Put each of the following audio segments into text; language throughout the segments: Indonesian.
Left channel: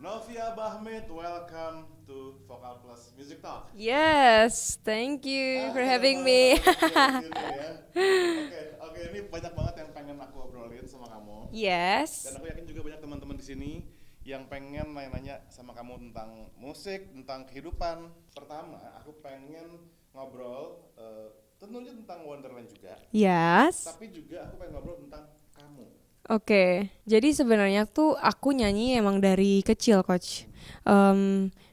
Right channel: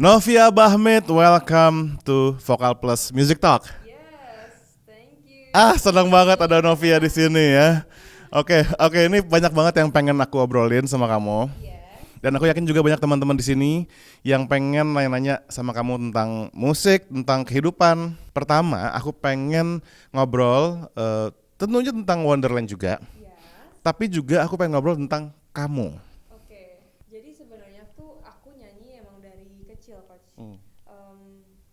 Novia Bahmit, welcome to Vokal Plus Music Talk. Yes, thank you. for Senang having banget me. ada Novia di sini ya. Oke, ini banyak banget yang pengen aku obrolin sama kamu. Yes. Dan aku yakin juga banyak teman-teman di sini yang pengen nanya-nanya sama kamu tentang musik, tentang kehidupan. Pertama, aku pengen ngobrol tentunya tentang Wonderland juga, Yes. tapi juga aku pengen ngobrol tentang kamu. Oke, jadi sebenarnya tuh aku nyanyi emang dari kecil, Coach.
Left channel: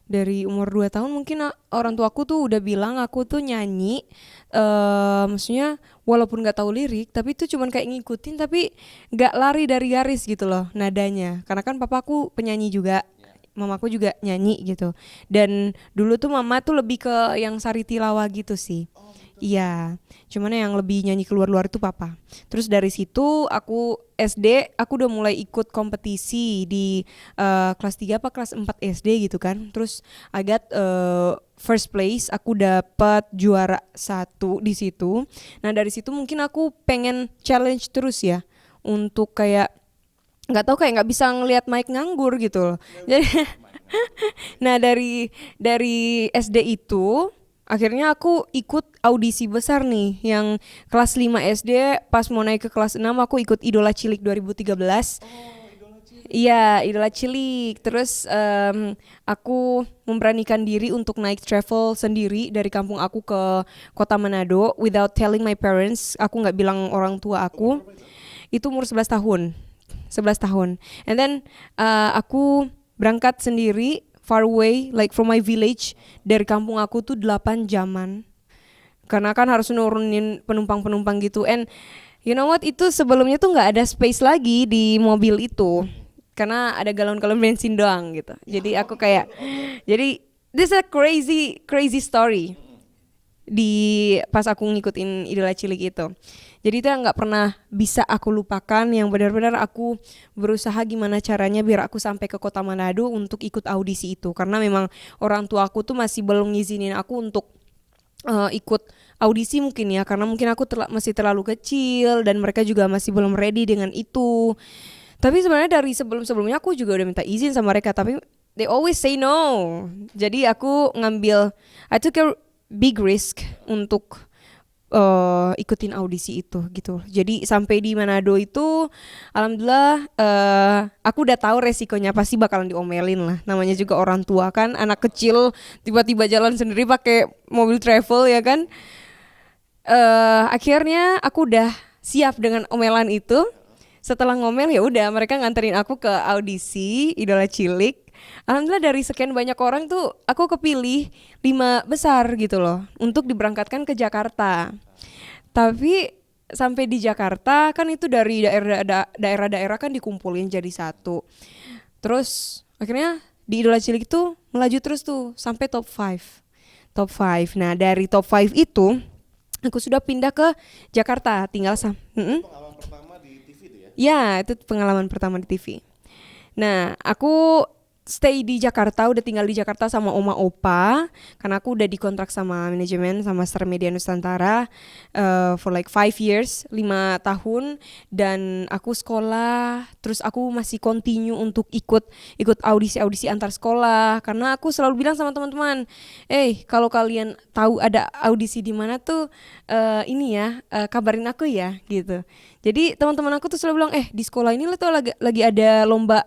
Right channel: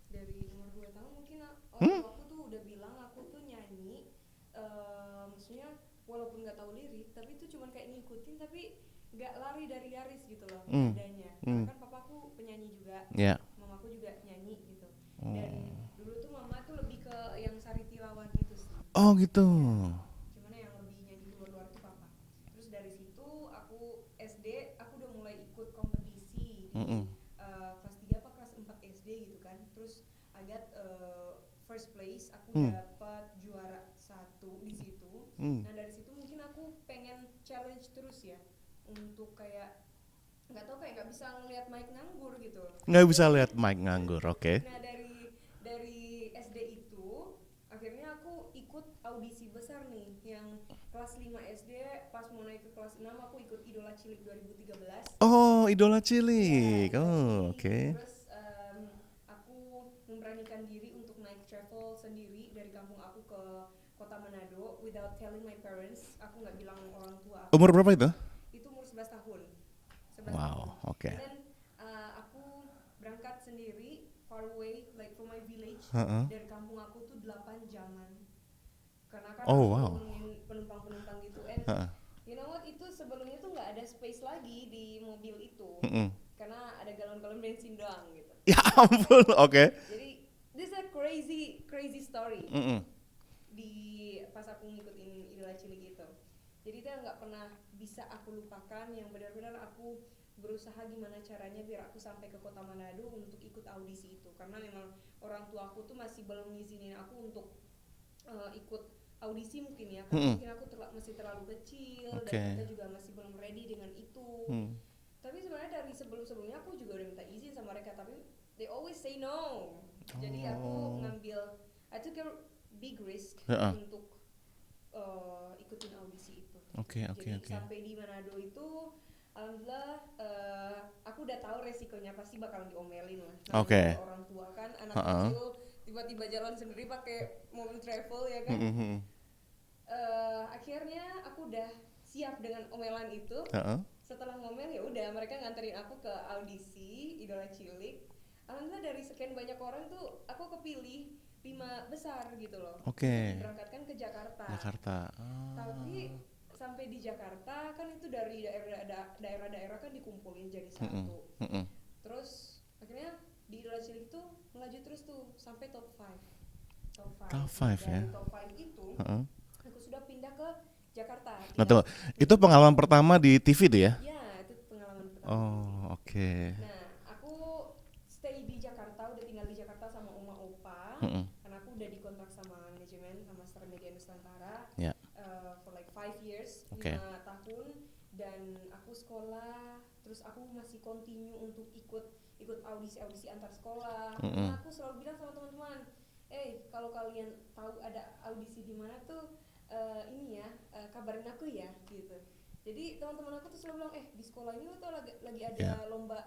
Dari umur 2 tahun mungkin orang tuaku tuh udah bilang aku tuh nyanyi. Maksudnya walaupun nggak tahu lirik, tapi itu cuman kayak ngikutin, tapi nggak lari dari garis gitu loh nadanya. Karena kan papaku penyanyi juga, Ya. mamaku juga nyanyi gitu. Dan dulu tuh mama tuh lebih ke yang sari tilawa gitu sih. Oh gitu. Iya, cuman yang lebih nyanyi keluar-luar itu papa. Terus dari situ aku SD, aku udah mulai ikut kompetisi di kelas 3 apa kelas 4 SD gitu kan. Terus I got first place, aku dapat juara 1 di situ. Nah dari situ mungkin aku pengen challenge terus ya, untuk kayak nggak tahu, kayak nggak bisa ngelihat Mike nganggur gitu loh. Nggak bisa lihat Mike nganggur, oke. Nah dari SD itu akhirnya aku ikut audisi besar nih, yang kelas 5 SD pas mau naik ke kelas 6 aku ikut Idola Cilik 2013. Oh, Idola Cilik. Iya, Idola Oh, Cilik. oke. Terus aku memberanikan diri untuk naik travel sendiri dari kampung aku ke kota Manado without telling my parents. Aku nggak bilang orang tua aku. Umur berapa itu? Itu umur 11 tahun. 11 tahun. oke. And then aku berangkat sendiri far away, like from my village. Dari kampung aku tuh 8 jaman. Karena kan harus nurunin penumpang-penumpang gitu. And you know what, itu sebelumnya tuh nggak ada space lagi di mobil itu. Karena ada galon-galon bensin doang gitu. Jadi aku kayak Oke. jadi this is a crazy story. Di pas aku ngikutin Idola Cilik itu. Jadi itu yang nggak pernah bisa aku lupakan, yang benar-benar aku berusaha gimana caranya biar aku sampai ke kota Manado untuk ikut audisi itu. Karena memang orang tua aku tuh masih belum ngizinin aku untuk ikut audisi mungkin ya, karena mungkin aku masih terlalu kecil dan mereka juga masih belum ready dengan itu. Tapi sebenarnya dari sebelum-sebelumnya aku juga udah minta izin sama mereka, tapi they always say no. Jadi aku I took a big risk untuk ikutin audisi itu gitu. Jadi sampai di Manado itu alhamdulillah aku udah tahu resikonya pasti bakalan diomelin lah. Namanya juga orang tua kan, anak kecil tiba-tiba jalan sendiri pakai mobil travel ya kan. Akhirnya aku udah siap dengan omelan itu. Setelah ngomel ya udah, mereka nganterin aku ke audisi Idola Cilik. Alhamdulillah dari sekian banyak orang tuh aku kepilih 5 besar gitu loh, untuk diberangkatkan ke Jakarta. Tapi sampai di Jakarta kan itu dari daerah-daerah kan dikumpulin jadi satu. Terus akhirnya di Idola Cilik itu melaju terus tuh sampai top 5. Nah dari top 5 itu aku sudah pindah ke Jakarta, tinggal Itu pengalaman pertama di TV tuh ya? Ya, itu pengalaman pertama di TV. Oke. Nah, aku stay di Jakarta, udah tinggal di Jakarta sama oma opa, karena aku udah dikontrak sama manajemen sama Star Media Nusantara for like 5 years, 5 tahun, dan aku sekolah, terus aku masih continue untuk ikut audisi antar sekolah, karena aku selalu bilang sama teman-teman, kalau kalian tahu ada audisi di mana tuh ini ya, kabarin aku ya gitu. Jadi teman-teman aku tuh selalu bilang, di sekolah ini tuh lagi ada lomba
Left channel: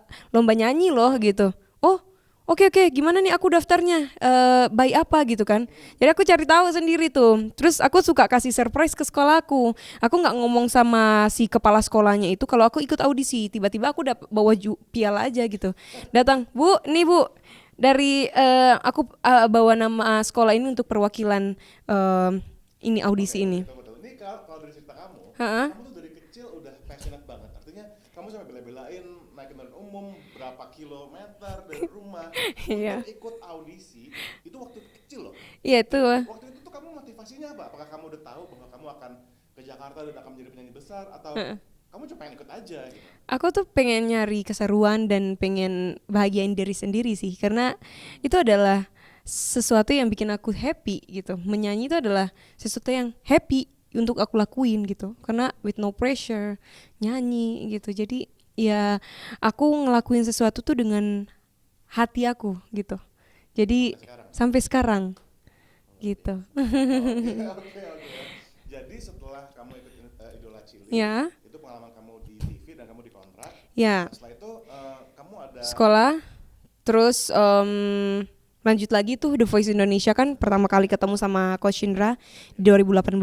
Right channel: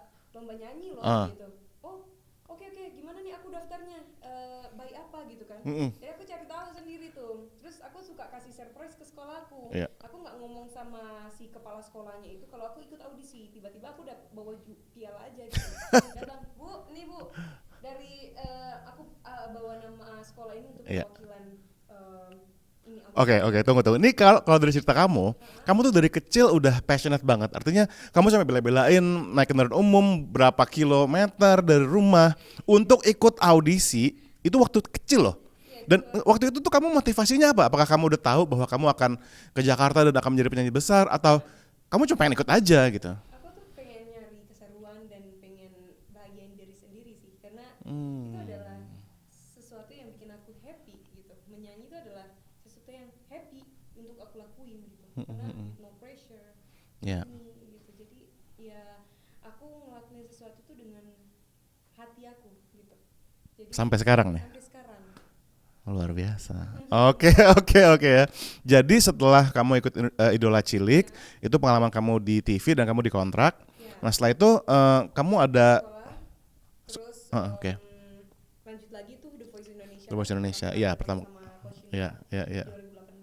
nyanyi loh gitu. Oh, oke, gimana nih aku daftarnya, by apa gitu kan. Jadi aku cari tahu sendiri tuh. Terus aku suka kasih surprise ke sekolahku. Aku nggak ngomong sama si kepala sekolahnya itu kalau aku ikut audisi. Tiba-tiba aku udah bawa piala aja gitu. Datang, Bu, nih Bu, dari aku bawa nama sekolah ini untuk perwakilan ini audisi ini. Oke, tunggu. Ini kalau dari cerita kamu, kamu tuh dari kecil udah passionate banget. Artinya kamu sampai bela-belain naik kendaraan umum berapa kilometer dari rumah untuk ikut audisi. Itu waktu kecil loh. Iya, Dan waktu itu tuh kamu motivasinya apa? Apakah kamu udah tahu bahwa kamu akan ke Jakarta dan akan menjadi penyanyi besar, atau kamu cuma pengen ikut aja gitu? Aku tuh pengen nyari keseruan dan pengen bahagiain diri sendiri sih, karena itu adalah sesuatu yang bikin aku happy gitu. Menyanyi itu adalah sesuatu yang happy untuk aku lakuin gitu, karena with no pressure nyanyi gitu. Jadi ya aku ngelakuin sesuatu tuh dengan hati aku gitu. Jadi sampai sekarang nih? Sampai sekarang. Luar gitu. biasa. Oke ya. Jadi setelah kamu ikut Idola Cilik, itu pengalaman kamu di TV dan kamu dikontrak. Nah setelah itu kamu ada sekolah, terus lanjut lagi tuh The Voice Indonesia kan pertama kali ketemu sama Coach Indra di 2018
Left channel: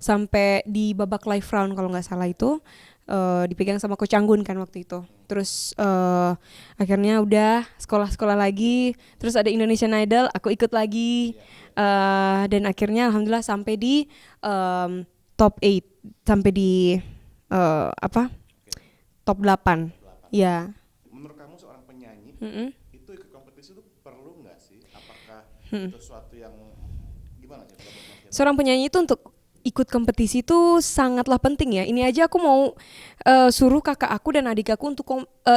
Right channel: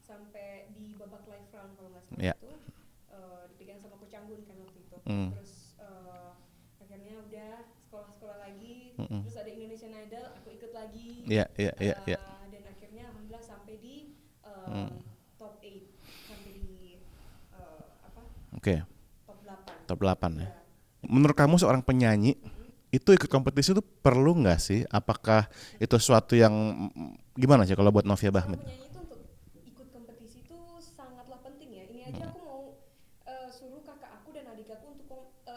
sampai di babak live round kalau nggak salah itu. Dipegang sama Coach Anggun kan waktu itu. Terus akhirnya udah sekolah lagi. Terus ada Indonesian Idol, aku ikut lagi. Dan akhirnya alhamdulillah sampai di top 8, sampai di top 8. Top 8. Ya. Menurut kamu seorang penyanyi itu ikut kompetisi itu perlu nggak sih? Apakah itu sesuatu yang gimana sih kalau buat Novia Bahmi? Seorang penyanyi itu untuk ikut kompetisi itu sangatlah penting ya. Ini aja aku mau suruh kakak aku dan adik aku untuk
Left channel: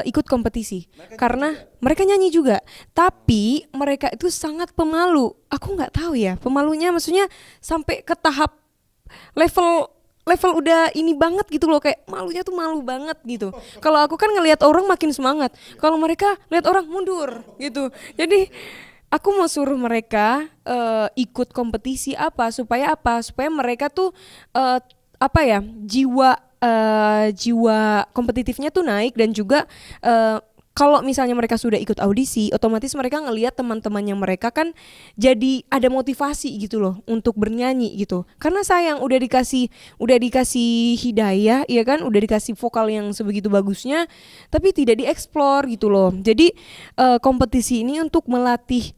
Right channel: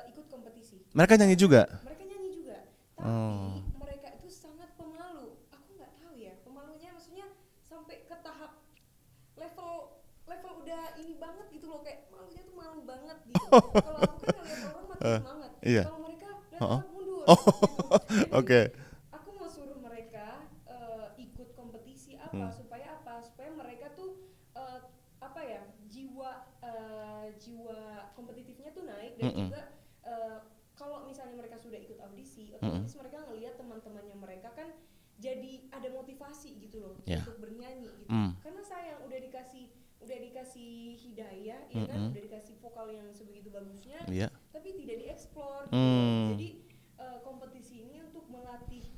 ikut kompetisi. Mereka nyanyi juga? Mereka nyanyi juga. Tapi mereka itu sangat pemalu. Aku nggak tahu ya. Pemalunya maksudnya sampai ke tahap level udah ini banget gitu loh, kayak malunya tuh malu banget gitu. Kalau aku kan ngelihat orang makin semangat. Kalau mereka lihat orang mundur gitu. Jadi aku mau suruh mereka ikut kompetisi supaya mereka tuh jiwa kompetitifnya tuh naik dan juga kalau misalnya mereka sudah ikut audisi, otomatis mereka ngelihat teman-temannya mereka kan jadi ada motivasi gitu loh untuk bernyanyi gitu. Karena sayang udah dikasih hidayah, ya kan, udah dikasih vokal yang sebegitu bagusnya, tapi tidak dieksplor gitu loh. Jadi kompetisi ini untuk melatih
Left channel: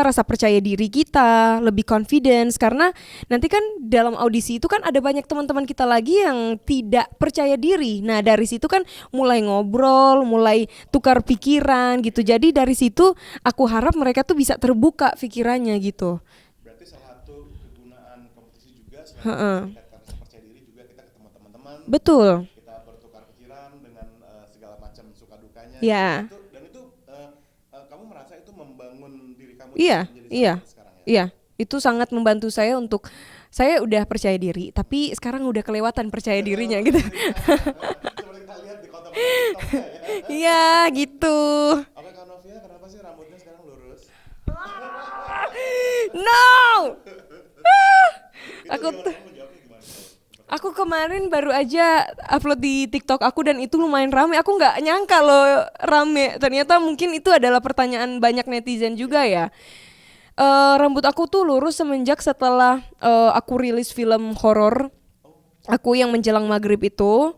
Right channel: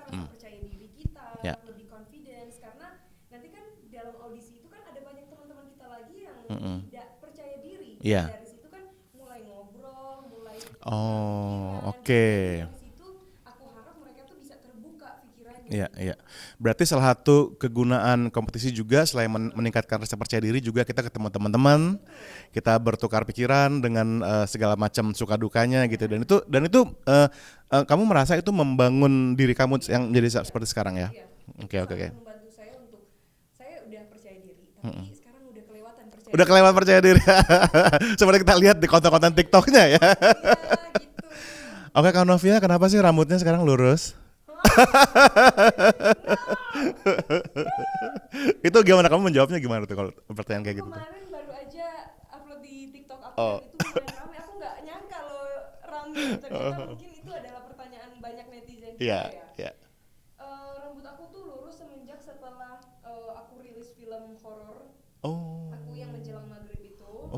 rasa percaya diri kita, lebih confidence, karena nanti kan dalam audisi itu kan ada banyak teman-teman kita lagi yang tidak percaya diri. Nah dari situ kan mulai ngobrol, mulai tukar pikiran gitu. Jadi dari situ aku harap mereka tuh bisa terbuka pikirannya gitu. Berarti salah satu kegunaan kompetisi juga selain meningkatkan rasa percaya diri, juga kita ketemu teman-teman. Betul. Kita bertukar pikiran dengan segala macam suka dukanya gitu. Dan itu kamu merasa itu membangun diri kamu menjadi seperti sekarang ya? Iya, itu sangat membantu saya untuk, saya udah percaya diri, tapi sekarang udah kelewatan percaya diri. Udah kelewatan percaya diri. Seperti kita lihat di konten-konten TikToknya ya. Iya gitu. Oke Kak Novia, kenapa sih rambutnya sekarang lurus? No. Itu gimana, kamu menjawabnya gimana tuh kalau pertanyaan aku kayak kemarin baru aja upload di TikTok aku dan itu lumayan rame. Aku nggak nyangka loh rame. Ternyata mungkin itu adalah pertanyaan banyak netizen juga ya. Rambut aku tuh lurus semenjak setelah aku rilis film horor. Aku yang menjelang maghrib itu.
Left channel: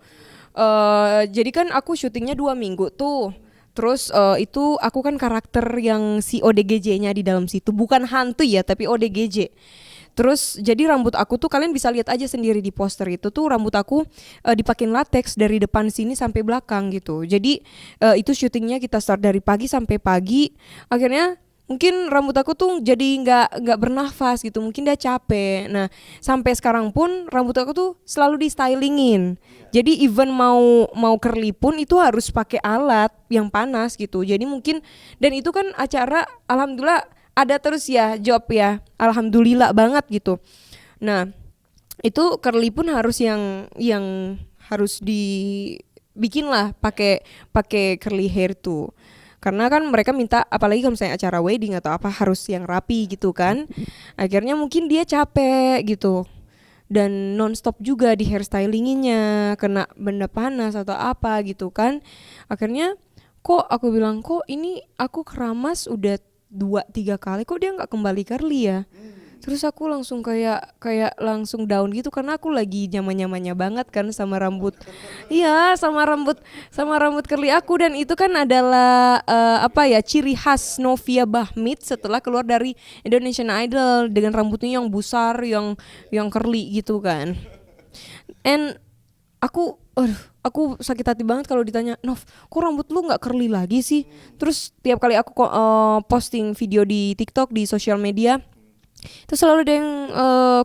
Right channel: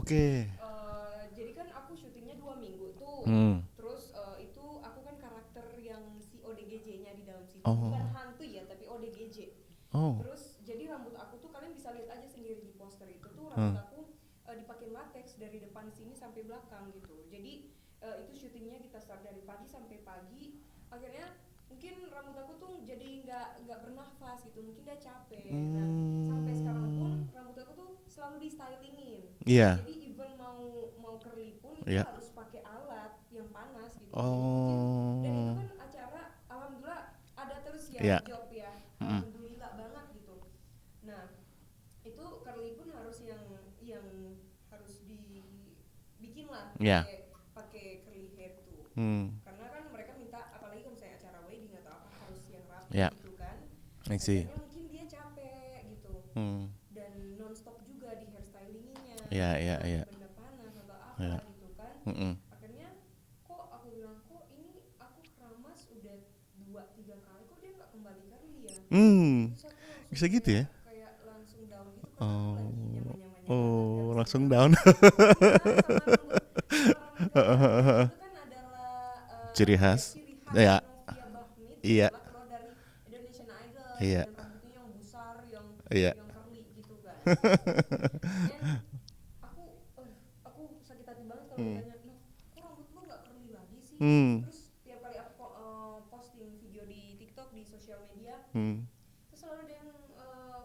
Jadi kan aku syutingnya 2 minggu tuh. Terus itu aku kan karakter yang si ODGJ-nya di dalam situ. Bukan hantu ya, tapi ODGJ. Terus jadi rambut aku tuh kalian bisa lihat aja sendiri di poster itu tuh, rambut aku dipakein latex dari depan sini sampai belakang gitu. Jadi itu syutingnya kita start dari pagi sampai pagi. Akhirnya mungkin rambut aku tuh jadi nggak bernafas gitu, mungkin dia capek. Nah sampai sekarang pun rambut aku tuh selalu di stylingin. Jadi even mau curly pun itu harus pakai alat yang panas gitu. Jadi mungkin, dan itu kan acara alhamdulillah ada terus ya job ya, alhamdulillah banget gitu. Nah itu curly pun harus yang harus dibikin lah pakai curly hair tuh. Karena kan mereka minta, apalagi kalau misalnya acara wedding atau apa, harus yang rapi gitu kan. Akhirnya mungkin dia capek gitu. Dan nonstop juga di hairstylinginnya, kena benda panas atau apa gitu kan. Akhirnya kok aku bilang, kok ini aku keramas udah 2-3 kali kok dia nggak kembali curly ya. Terus aku langsung kayak langsung down gitu, karena aku lagi nyaman-nyamannya banget kan sama rambut. Iya, sama rambut curly aku, dan itu kan adalah ciri khas Novia Bahmi setelah keluar dari Indonesian Idol dengan rambutnya yang besar, yang curly gitu kan. And aku sakit hati banget kalau ditanya, Nov, kok rambut lu nggak curly lagi sih? Terus tiap kali aku posting video di TikTok, di sosial media, terus selalu ada yang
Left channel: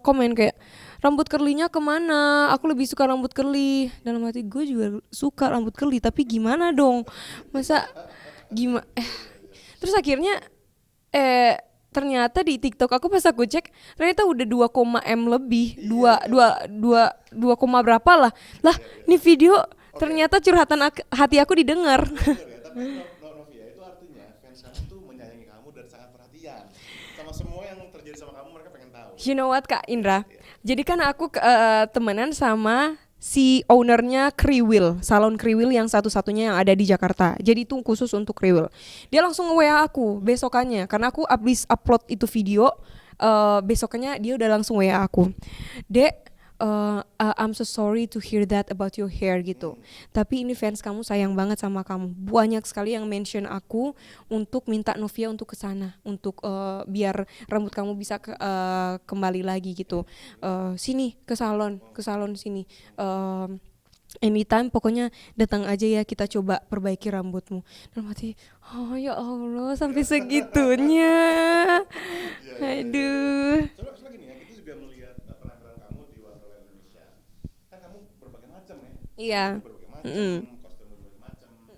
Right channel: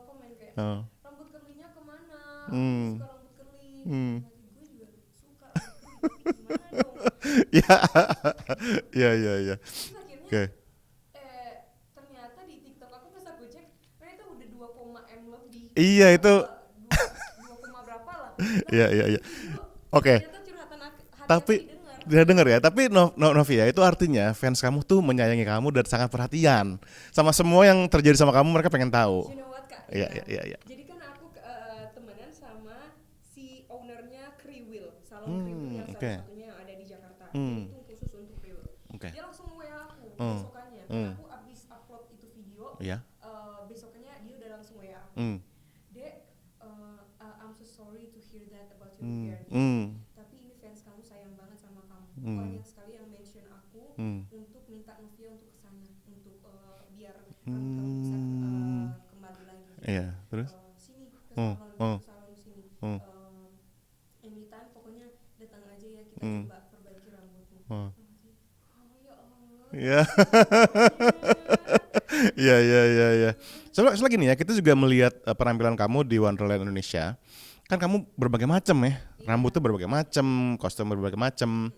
komen kayak, rambut curly-nya kemana? Aku lebih suka rambut curly. Dalam hati gue juga suka rambut curly, tapi gimana dong? Terus akhirnya ternyata di TikTok aku pas aku cek, ternyata udah 2, M lebih. 2 berapa lah. Ini video Oke. Ternyata curhatan hati aku didengar. Dia denger ya, tapi Novia itu artinya fans kamu tuh menyayangi kamu dan sangat perhatian sama semua yang terjadi sama kamu, mereka pengen tahu. You know what Kak Indra? Iya. Jadi kan aku temenan sama si ownernya Kriwil, salon Kriwil yang satu-satunya yang ada di Jakarta. Jadi itu khusus untuk Kriwil. Dia langsung nge-WA aku besokannya, karena aku abis upload itu video, besokannya dia udah langsung WA aku. Dek, I'm so sorry to hear that about your hair gitu. Tapi ini fans kamu sayang banget sama kamu. Banyak sekali yang mention aku untuk minta Novia untuk kesana, untuk biar rambut kamu bisa kembali lagi gitu. Sini ke salon sini. Anytime pokoknya datang aja ya, kita coba perbaiki rambutmu. Dalam hati, oh ya Allah sampai segitunya. Iya. Soalnya gini ya, kita juga melihat penampilan kamu di Wonderland Indonesia. Kan kamu berbagai macam ya. Rambut tuh berbagai macam, kostum berbagai macam.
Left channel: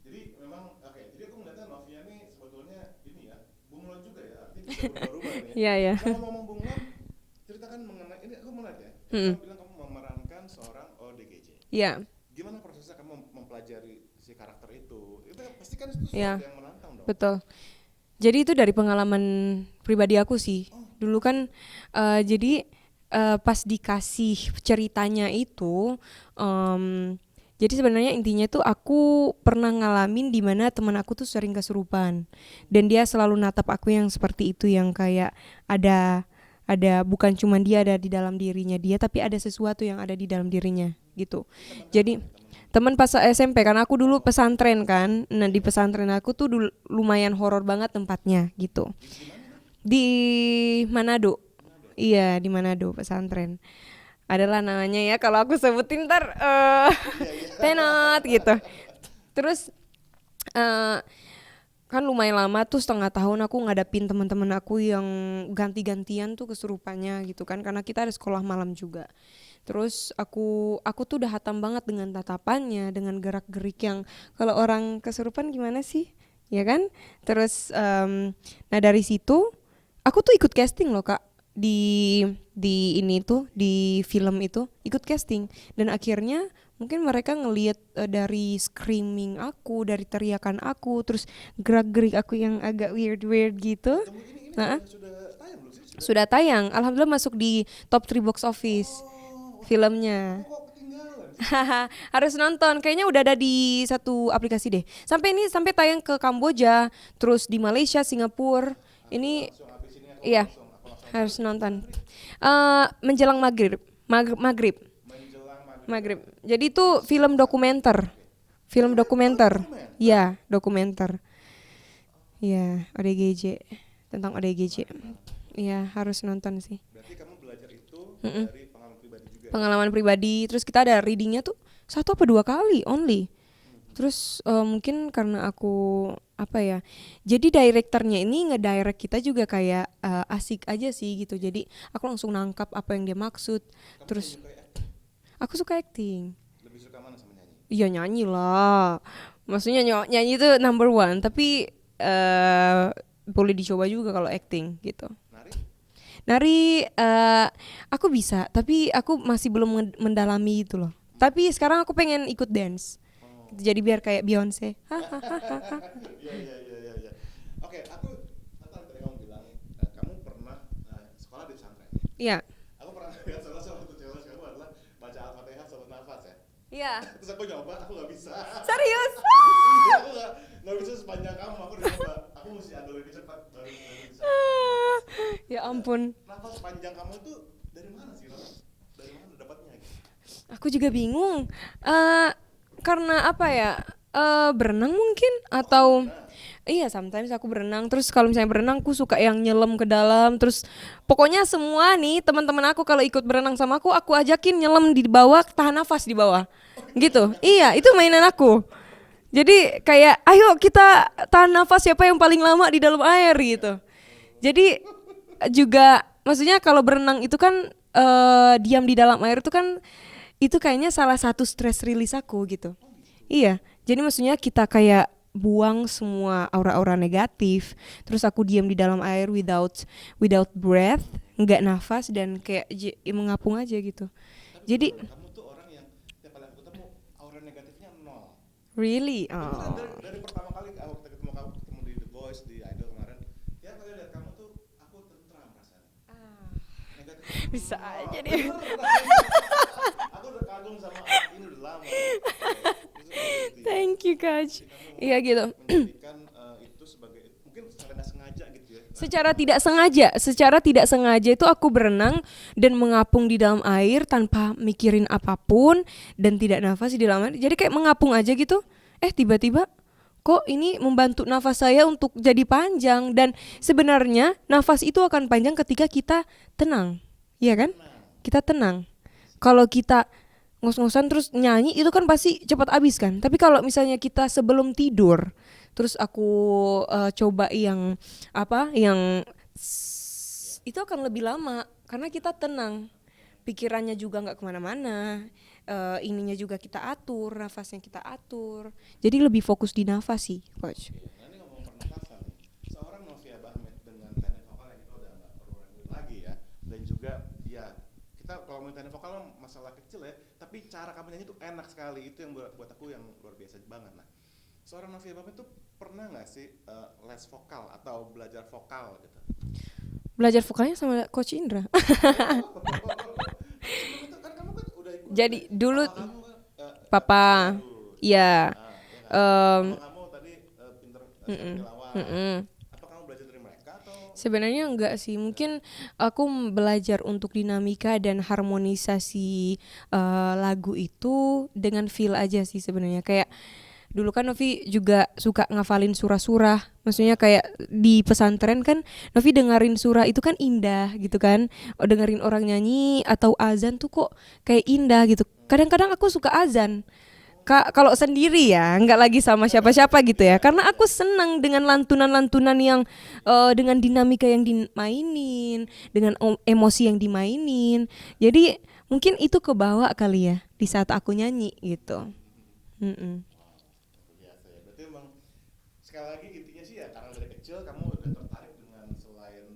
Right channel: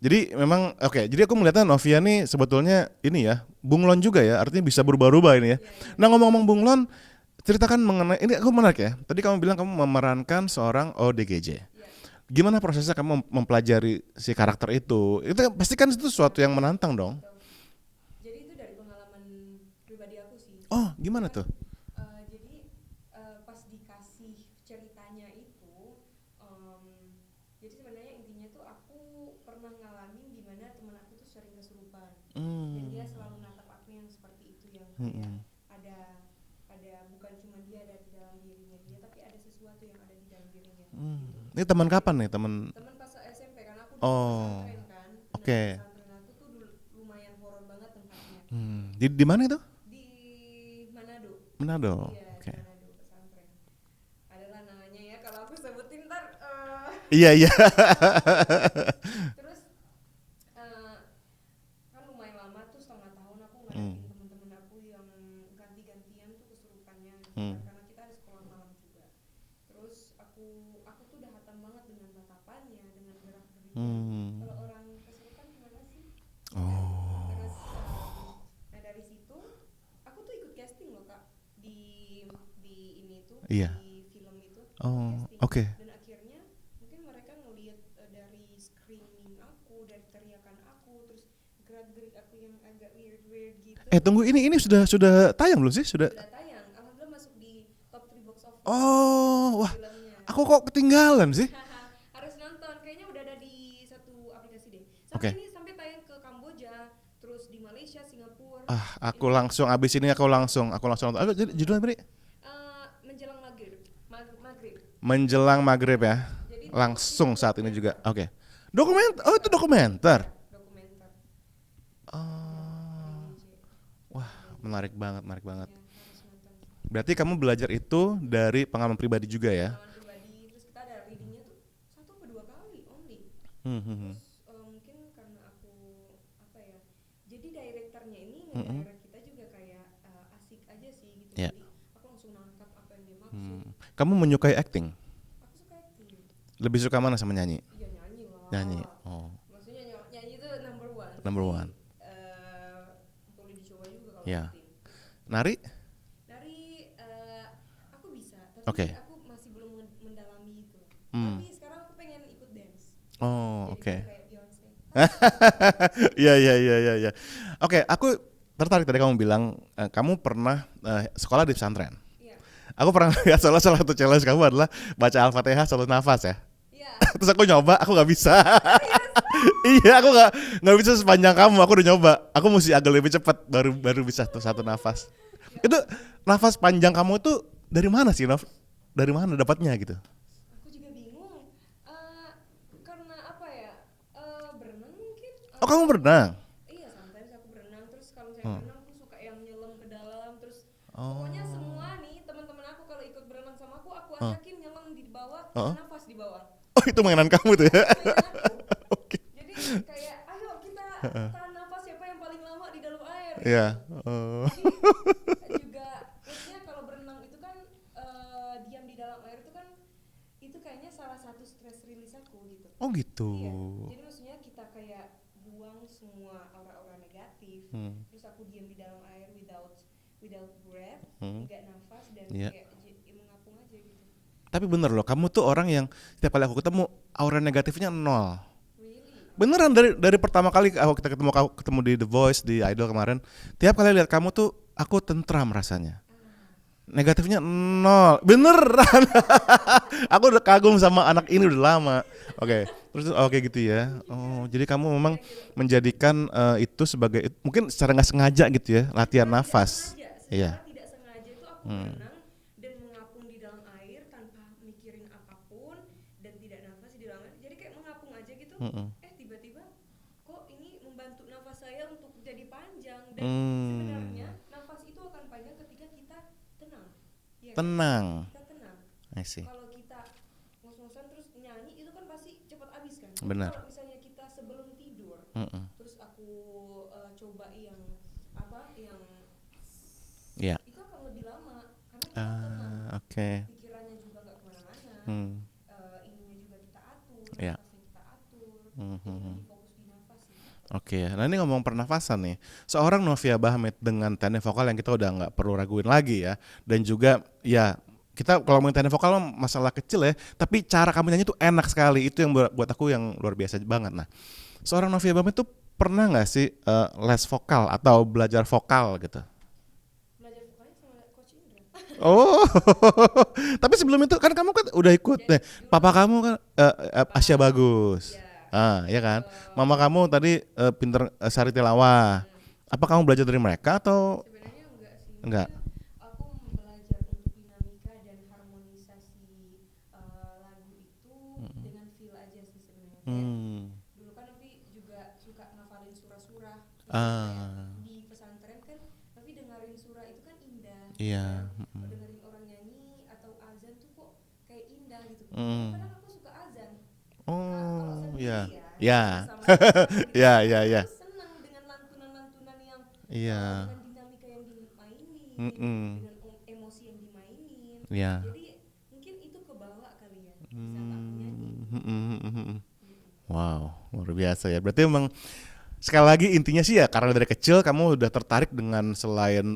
Jadi memang jadi aku melihatnya Novia nih sebetulnya ini ya, bunglon juga ya, artinya bisa berubah-ubah ini ya. Iya. Nah, ngomong-ngomong bunglon, ceritakan mengenai ini, aku menarik ya. Tadi kamu bilang kamu memerankan seorang ODGJ. Iya. Gimana prosesnya kamu mempelajari si karakter itu? Itu pasti kan itu sesuatu yang menantang dong. Betul. Jadi itu dari pengalaman pribadi aku sih. Dulu kan jadi pas dikasih ceritanya itu, jadi sebenarnya intinya tuh aku pernah ngalamin di mana teman aku tuh sering kesurupan. Dan dia selalu natap aku yang seperti itu, yang kayak ada bukan cuma dia ada di dalam dirinya dia, tapi ada sesuatu yang ada di dalam dirinya gitu. Ini teman kapan nih? Teman pas SMP, karena aku dulu pesantren kan. Nah di pesantren aku tuh lumayan horor banget tempatnya gitu. Di mana itu? Di Manado. Iya, di Manado pesantren. Adalah namanya ya, kalau aku sebutin ntar iya enak gitu. Terus kan lumayan lama tuh, setengah tahun aku ngadapin teman-teman aku yang ganti-gantian tuh kesurupannya gitu kan, karena kita ada sekolah malam juga. Terus aku tuh udah hatam banget dengan tatapannya, dengan gerak-gerik yang kalau orang kesurupan gimana sih, ya kan? Terus nah dari situ aku tuh ikut casting loh Kak, di ini tuh di film itu ikut casting. Dan akhirnya mungkin mereka ngelihat dari screaming aku, dari teriakan aku, terus gerak-gerik aku yang agak weird gitu. Tunggu, ini sudah tayang belum sih? Sudah tayang, alhamdulillah masuk di top 3 box office filmnya. Aku kok ketinggalan sih? Harus nonton, kayaknya udah ada di satu aplikasi deh. Sampai tayang ke Kamboja, terus di Malaysia, Singapura. Aku langsung abis ini aku langsung nonton. Menjelang maghrib. Menjelang maghrib ya. Jadi itu film dokumenter. Film dokumenter. Iya, dokumenter. Iya, ODGJ. Tentang ODGJ. Menarik banget. Iya, harus nonton sih. Berarti kamu belajar itu dari pengalaman pribadi juga ya? Pengalaman pribadi, terus kita ada readingnya tuh 1 atau 2 kali only. Terus mungkin karena aku jadi direkturnya ini ngedirect kita juga kayak asik aja sih gitu. Jadi aku langsung nangkap apa yang dia maksud. Kamu menyukai acting? Aku suka acting. Lebih suka mana sama nyanyi? Iya nyanyi lah. Maksudnya nyanyi itu number one. Tapi boleh dicoba juga kalau acting gitu. Nari aku bisa, tapi aku masih belum mendalami itu loh. Tapi sekarang aku pengen ikut dance. Jadi biar kayak Beyonce. Iya. Oke, aku tertarik tadi kamu bilang kamu pernah sekolah di pesantren. Iya. Aku pernah lihat salah satu challenge kamu adalah baca Al-Fatihah 1 nafas ya. Iya. Terus aku nyoba, aku nggak bisa. Serius? Iya, aku nggak bisa sepanjang kamu. Aku udah nyoba. Aku mesti agak lebih cepat baru bisa satu nafas. Ya itu ampun. Nafas panjang kamu tuh dari mana sih, Nov? Dari mana dapatnya gitu? Aku juga bingung. Karena berenang mungkin atau kamu berenang? Iya, sometimes aku berenang. Terus kalau misalnya berenang aku suka yang nyelam ke dalam. Terus pokoknya semua nih teman-teman aku kalau ikut berenang sama aku ajakin nyelam di bawah, tahan nafas di bawah. Itu gitu. mainan kamu Iya, ya? itu mainan aku. Jadi kayak ayo kita tahan nafas siapa yang paling lama di dalam air gitu. Jadi juga maksudnya kalau berenang itu kan diam di dalam air itu kan itu kayaknya salah satu stress release aku gitu. Oh gitu. Iya. Jadi maksudnya kita kayak buang semua aura-aura negatif. Terus aku diam di dalam air without breath, enggak nafas dan kayak mengapung aja gitu. Tapi Jadi bener loh, kamu tuh orang yang setiap kali aku ketemu aura negatifnya nol. really? Beneran dari pertama kali kita ketemu di The Voice, di Idol kemarin, tiap kali lihat kamu tuh aku tentram rasanya. Negatifnya nol, beneran. Aku udah kagum sama anak ini udah lama. Terus oke gitu ya. Thank you, Coach. Jadi kamu memang Iya, gitu. menjadikan itu sebagai mungkin secara nggak sengaja gitu ya, latihan Secara nafas. tidak sengaja itu aku berenang dan mengapung di dalam air tanpa mikirin apapun dan tidak nafas di dalam air. Jadi kayak mengapung aja gitu. Tiba-tiba kok ini membantu nafas saya untuk jadi panjang dan sebenarnya nafas itu akan panjang ketika kita tenang. Iya kan? Tenang. Kita tenang. I see. Kalau kita ngos-ngosan terus nyanyi itu kan pasti cepat habis kan. Tapi kalau misalnya kita sebelum tidur, terus aku coba yang itu akan lebih lama karena kita tenang. Pikirannya juga nggak kemana-mana. Ininya juga kita atur, nafasnya kita atur. Jadi lebih fokus di nafas sih. Oke. Nah ini ngomong pernafasan nih. Seorang Novia Bahmet dengan teknik vokal yang kita udah nggak perlu raguin lagi ya. Dan juga ya kita kalau ngomongin teknik vokal masalah kecil ya. Tapi cara kamu nyanyi tuh enak sekali. Itu yang buat aku yang luar biasa banget. Nah seorang Novia Bahmet tuh pernah nggak sih les vokal atau belajar vokal gitu? Belajar vokalnya sama Coach Indra. Oh, tapi sebelum itu kan kamu kan udah ikut. Jadi dulu papa kamu kan Papa, Asya Bagus. Iya. Ya kan. Mama kamu tadi pinter Sari Tilawah. Apa kamu belajar dari mereka atau? Sebenarnya enggak sih. Mungkin aku belajar untuk dinamika dan harmonisasi lagu itu dengan feel aja sih sebenarnya. Kayak dulu kan Novi juga suka ngafalin surah-surah. Maksudnya kayak di pesantren kan Novi dengerin surah itu kan indah gitu kan. Dengerin orang nyanyi atau azan tuh kok kayak indah gitu. Kadang-kadang aku suka azan. Kalau sendiri nggak lagi sama siapa-siapa gitu ya. Karena aku senang dengan lantunan-lantunan yang dengan dinamika yang dimainin, dengan emosi yang dimainin. Jadi mungkin itu kebawa kali ya di saat aku nyanyi gitu. Wow, luar biasa ya. Berarti emang sekali lagi intinya sih ya karena dari kecil kamu udah tertarik dengan selain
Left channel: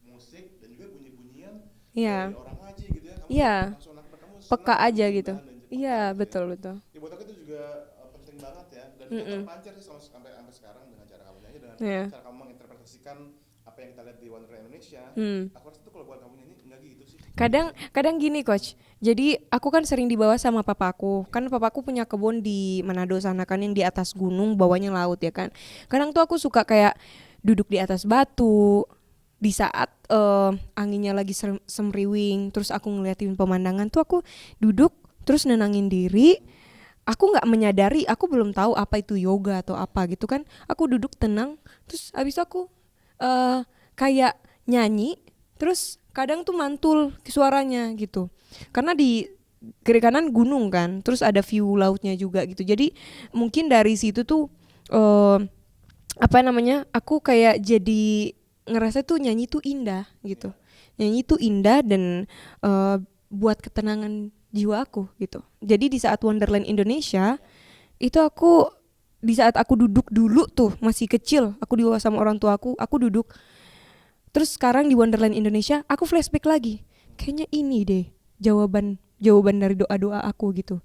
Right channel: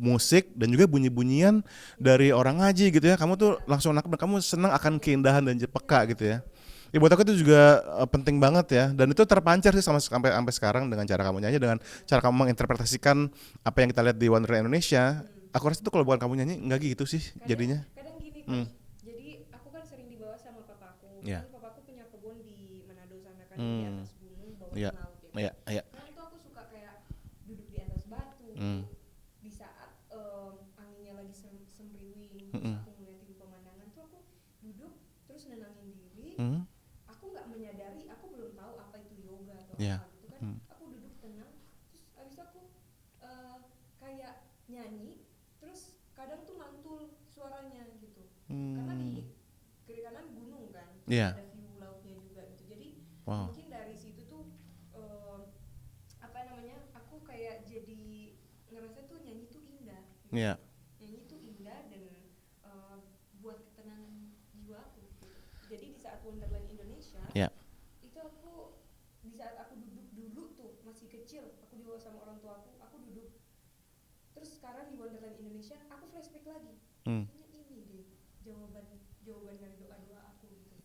musik dan juga bunyi-bunyian dari orang ngaji gitu ya. Kamu tuh langsung nangkep dan kamu senang akan keindahan gitu. Dan peka gitu betul, ya. Betul. Ya buat aku itu juga penting banget ya. Dan itu terpancar sih sampai sekarang dengan cara kamu nyanyi, dengan cara kamu menginterpretasikan apa yang kita lihat di Wonderland Indonesia. Aku rasa itu kalau bukan kamu nyanyi nggak gitu sih. Kadang gini Coach. Jadi aku kan sering dibawa sama papaku. Kan papaku punya kebun di Manado sana kan yang di atas gunung, bawahnya laut ya kan. Kadang tuh aku suka kayak duduk di atas batu di saat anginnya lagi semriwing, terus aku ngeliatin pemandangan tuh aku duduk terus nenangin diri. Aku nggak menyadari, aku belum tahu apa itu yoga atau apa gitu kan. Aku duduk tenang, terus abis itu aku kayak nyanyi, terus kadang tuh mantul suaranya gitu. Karena di kiri kanan gunung kan, terus ada view lautnya juga gitu. Jadi mungkin dari situ tuh aku kayak jadi ngerasa tuh nyanyi tuh indah gitu. Nyanyi tuh indah dan buat ketenangan jiwa aku gitu. Jadi di saat Wonderland Indonesia itu di saat aku duduk dulu tuh masih kecil, aku dibawa sama orang tua aku duduk. Terus sekarang di Wonderland Indonesia aku flashback lagi. Kayaknya ini deh jawaban dari doa-doa aku gitu.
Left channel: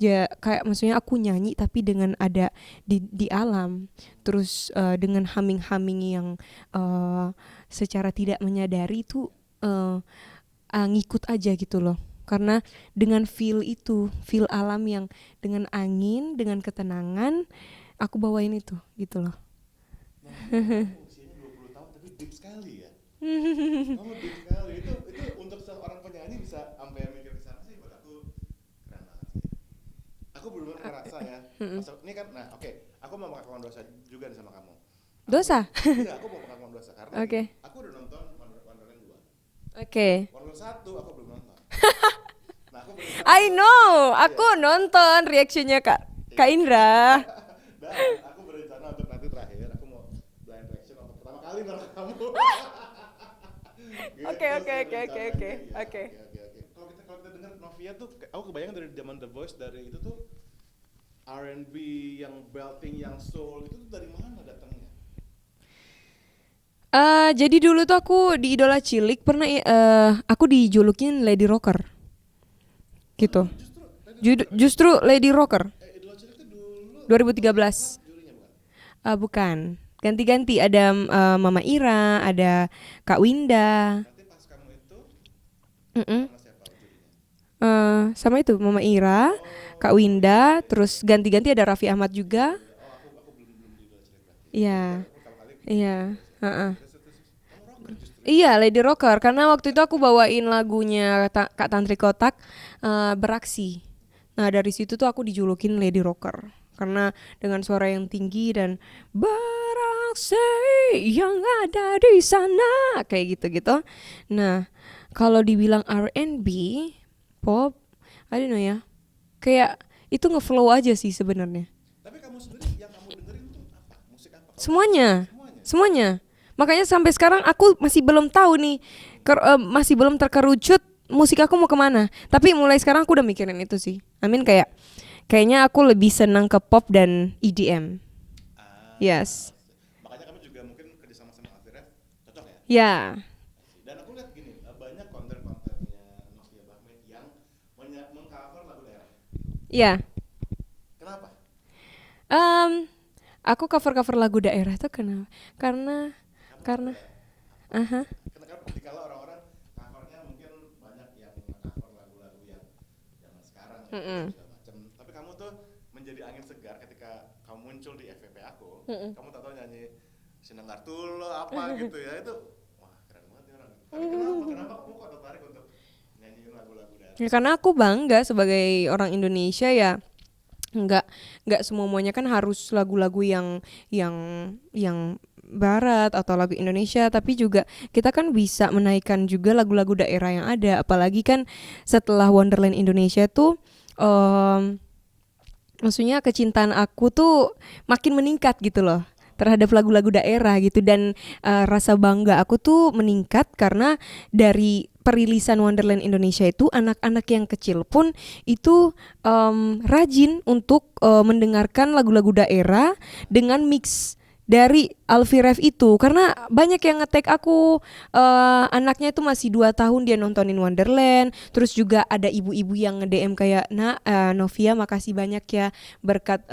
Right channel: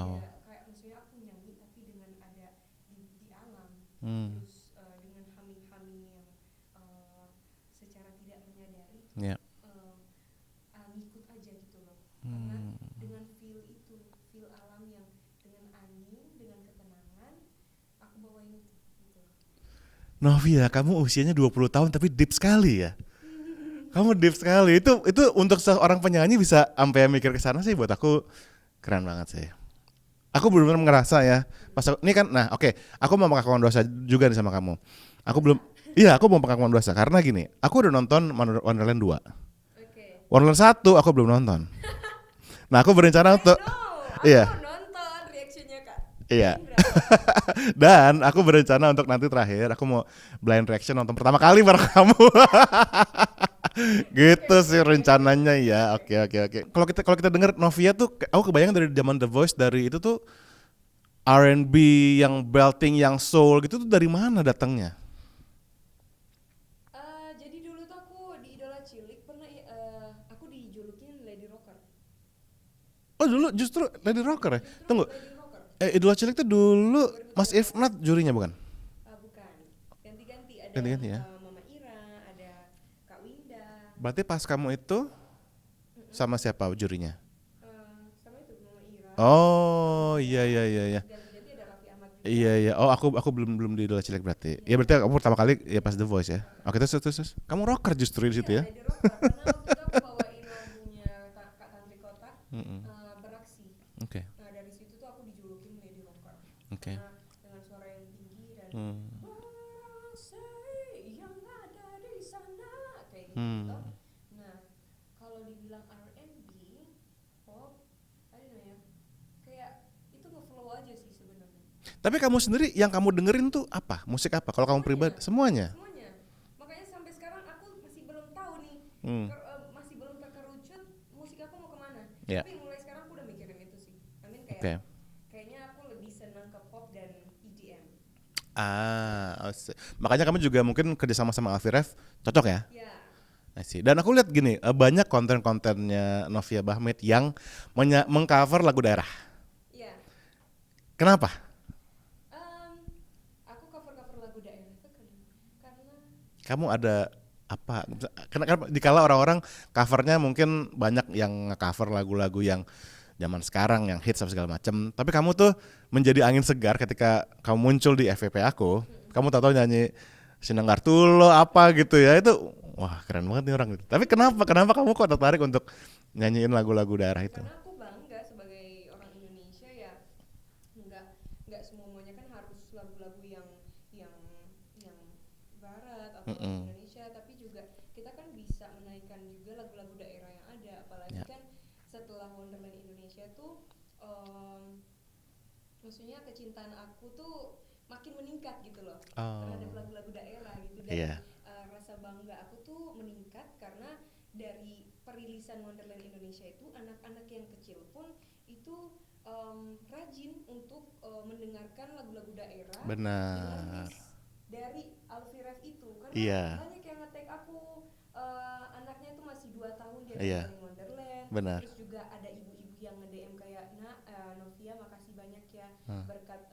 Ya kayak maksudnya aku nyanyi tapi dengan ada di alam. Terus dengan humming yang secara tidak menyadari tuh ngikut aja gitu loh. Karena dengan feel alam yang dengan angin, dengan ketenangan, aku bawain itu gitu loh. Novia, kamu usianya 20 tahun tapi deep sekali ya. Kamu deep sekali. Itu untuk seorang penyanyi bisa sampai mikir ke sana sih buat aku keren banget sih. Aku benar-benar ngerasa ya. Pas ini kan aku mau mengakukan dosa juga nih sama kamu. Aku mau mengakukan dosa karena gini, aku udah nonton Wonderland 2. Wonderland 1 aku belum nonton. Nah, aku berencana aku nonton reaksinya Kak Indra. Dan aku berencana untuk nanti terakhir aku mau blind reaction nonton pertama kali bareng kamu. Gitu sih rencananya ya. Oke. Kalau kita dengar Novia tuh aku kebayang dari zaman The Voice, dari itu tuh R&B yang belting yang soul gitu tuh dari mana datangnya? Jadi dulu tuh aku di Idola Cilik pernah aku dijulukin Lady Rocker. Oh gitu. dulu justru Lady Rocker ya? Justru Tunggu, Lady Rocker Idola Cilik tuh dulu 2013. Mas Ifnat jurinya bukan? Bukan. Ganti-ganti ada Mama Ira, ada Kak Winda. Berarti pas kamu itu Mm-mm. sama siapa jurinya? Sama itu Mama Ira, Oh, Kak Winda, iya, terus iya. ganti-ganti ada Raffi Ahmad juga. Iya. Oh, aku belum di Idola Cilik berarti. Iya. Ya berarti kamu pertama kali ya pas Iya. The Voice ya. Oke, terus. Kamu rocker justru Iya, gitu ya? Lady Rocker karena waktu itu aku bawain lagunya Kak Tantri Kotak, Beraksi. Oke. Nah, dari situ tuh aku dijulukin Lady Rocker karena dengan suara yang tinggi dan beraksi yang ada di sana kayak gitu-gitu. Nah, kalau dibilang R&B, pop, I don't know ya. Kayak itu ngeflow aja sih sebenarnya. Tapi kamu sendiri yang kamu dengerin tuh apa? Musik apa? Kalau Semuanya. kamu pribadi, semuanya. Semuanya. Makanya sampai sekarang aku masih belum tahu nih, masih belum terkerucut musik aku mau kemana. Tapi mulai sekarang aku udah mikirin itu sih. Kayak kayaknya aku lebih senang ke pop dan EDM. Yes. Makanya kamu juga mungkin kerja sama Alfie Rev cocok ya? Ya. Dan aku lihat gini, banyak konten-kontennya Novia Bahmit yang mengcover lagu daerah. Ya. Kenapa? Aku cover lagu daerah tuh kenapa? Karena ada apa? Karena dikala orang-orang covernya mungkin banyak yang nge-cover lagu-lagu yang zaman sekarang yang hits segala macam. Tapi kamu tuh menjadi angin segar ketika kamu muncul di FVP aku. Kamu tahu nyanyi Sinanggar Tulo apa gitu ya, itu wah keren banget nih orang gitu. Tapi kenapa kamu kok tertarik untuk nyanyiin lagu-lagu daerah? Ya, karena aku bangga sebagai orang Indonesia ya. Nggak semuanya kan harus lagu-lagu yang barat atau lagu Indonesia, tapi juga kita kan bisa menaikkan juga lagu-lagu daerah yang ada, apalagi kan setelah Wonderland Indonesia tuh maksudnya kecintaan aku tuh makin meningkat gitu loh terhadap lagu-lagu daerah gitu, dan rasa bangga aku tuh meningkat karena dari perilisan Wonderland Indonesia itu anak-anak yang kecil pun itu rajin untuk mendengarkan lagu-lagu daerah dengan mix dari Alfie Rev itu, karena banyak yang nge-tag aku, anaknya itu masih 2 tahun dia nontonin Wonderland. Terus juga ada ibu-ibu yang nge-DM kayak, Novia makasih banyak ya berkat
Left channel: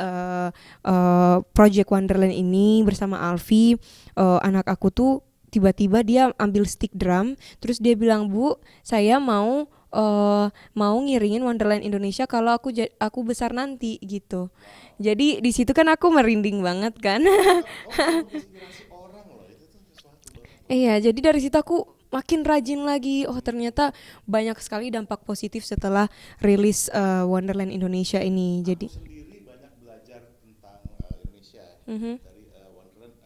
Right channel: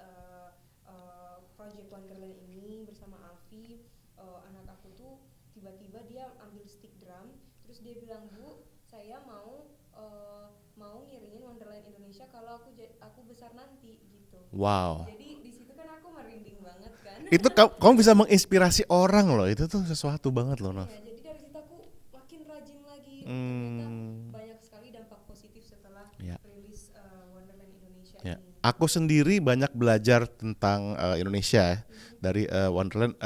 Project Wonderland ini bersama Alfie, anak aku tuh tiba-tiba dia ambil stick drum, terus dia bilang, Bu, saya mau ngiringin Wonderland Indonesia kalau aku besar nanti gitu. Wow. Jadi di situ kan aku merinding banget kan. Itu kamu bisa menginspirasi orang loh, itu tuh sesuatu banget loh. Iya, jadi dari situ aku makin rajin lagi. Oh ternyata banyak sekali dampak positif setelah rilis Wonderland Indonesia ini. Aku sendiri banyak belajar tentang Indonesia dari Wonderland,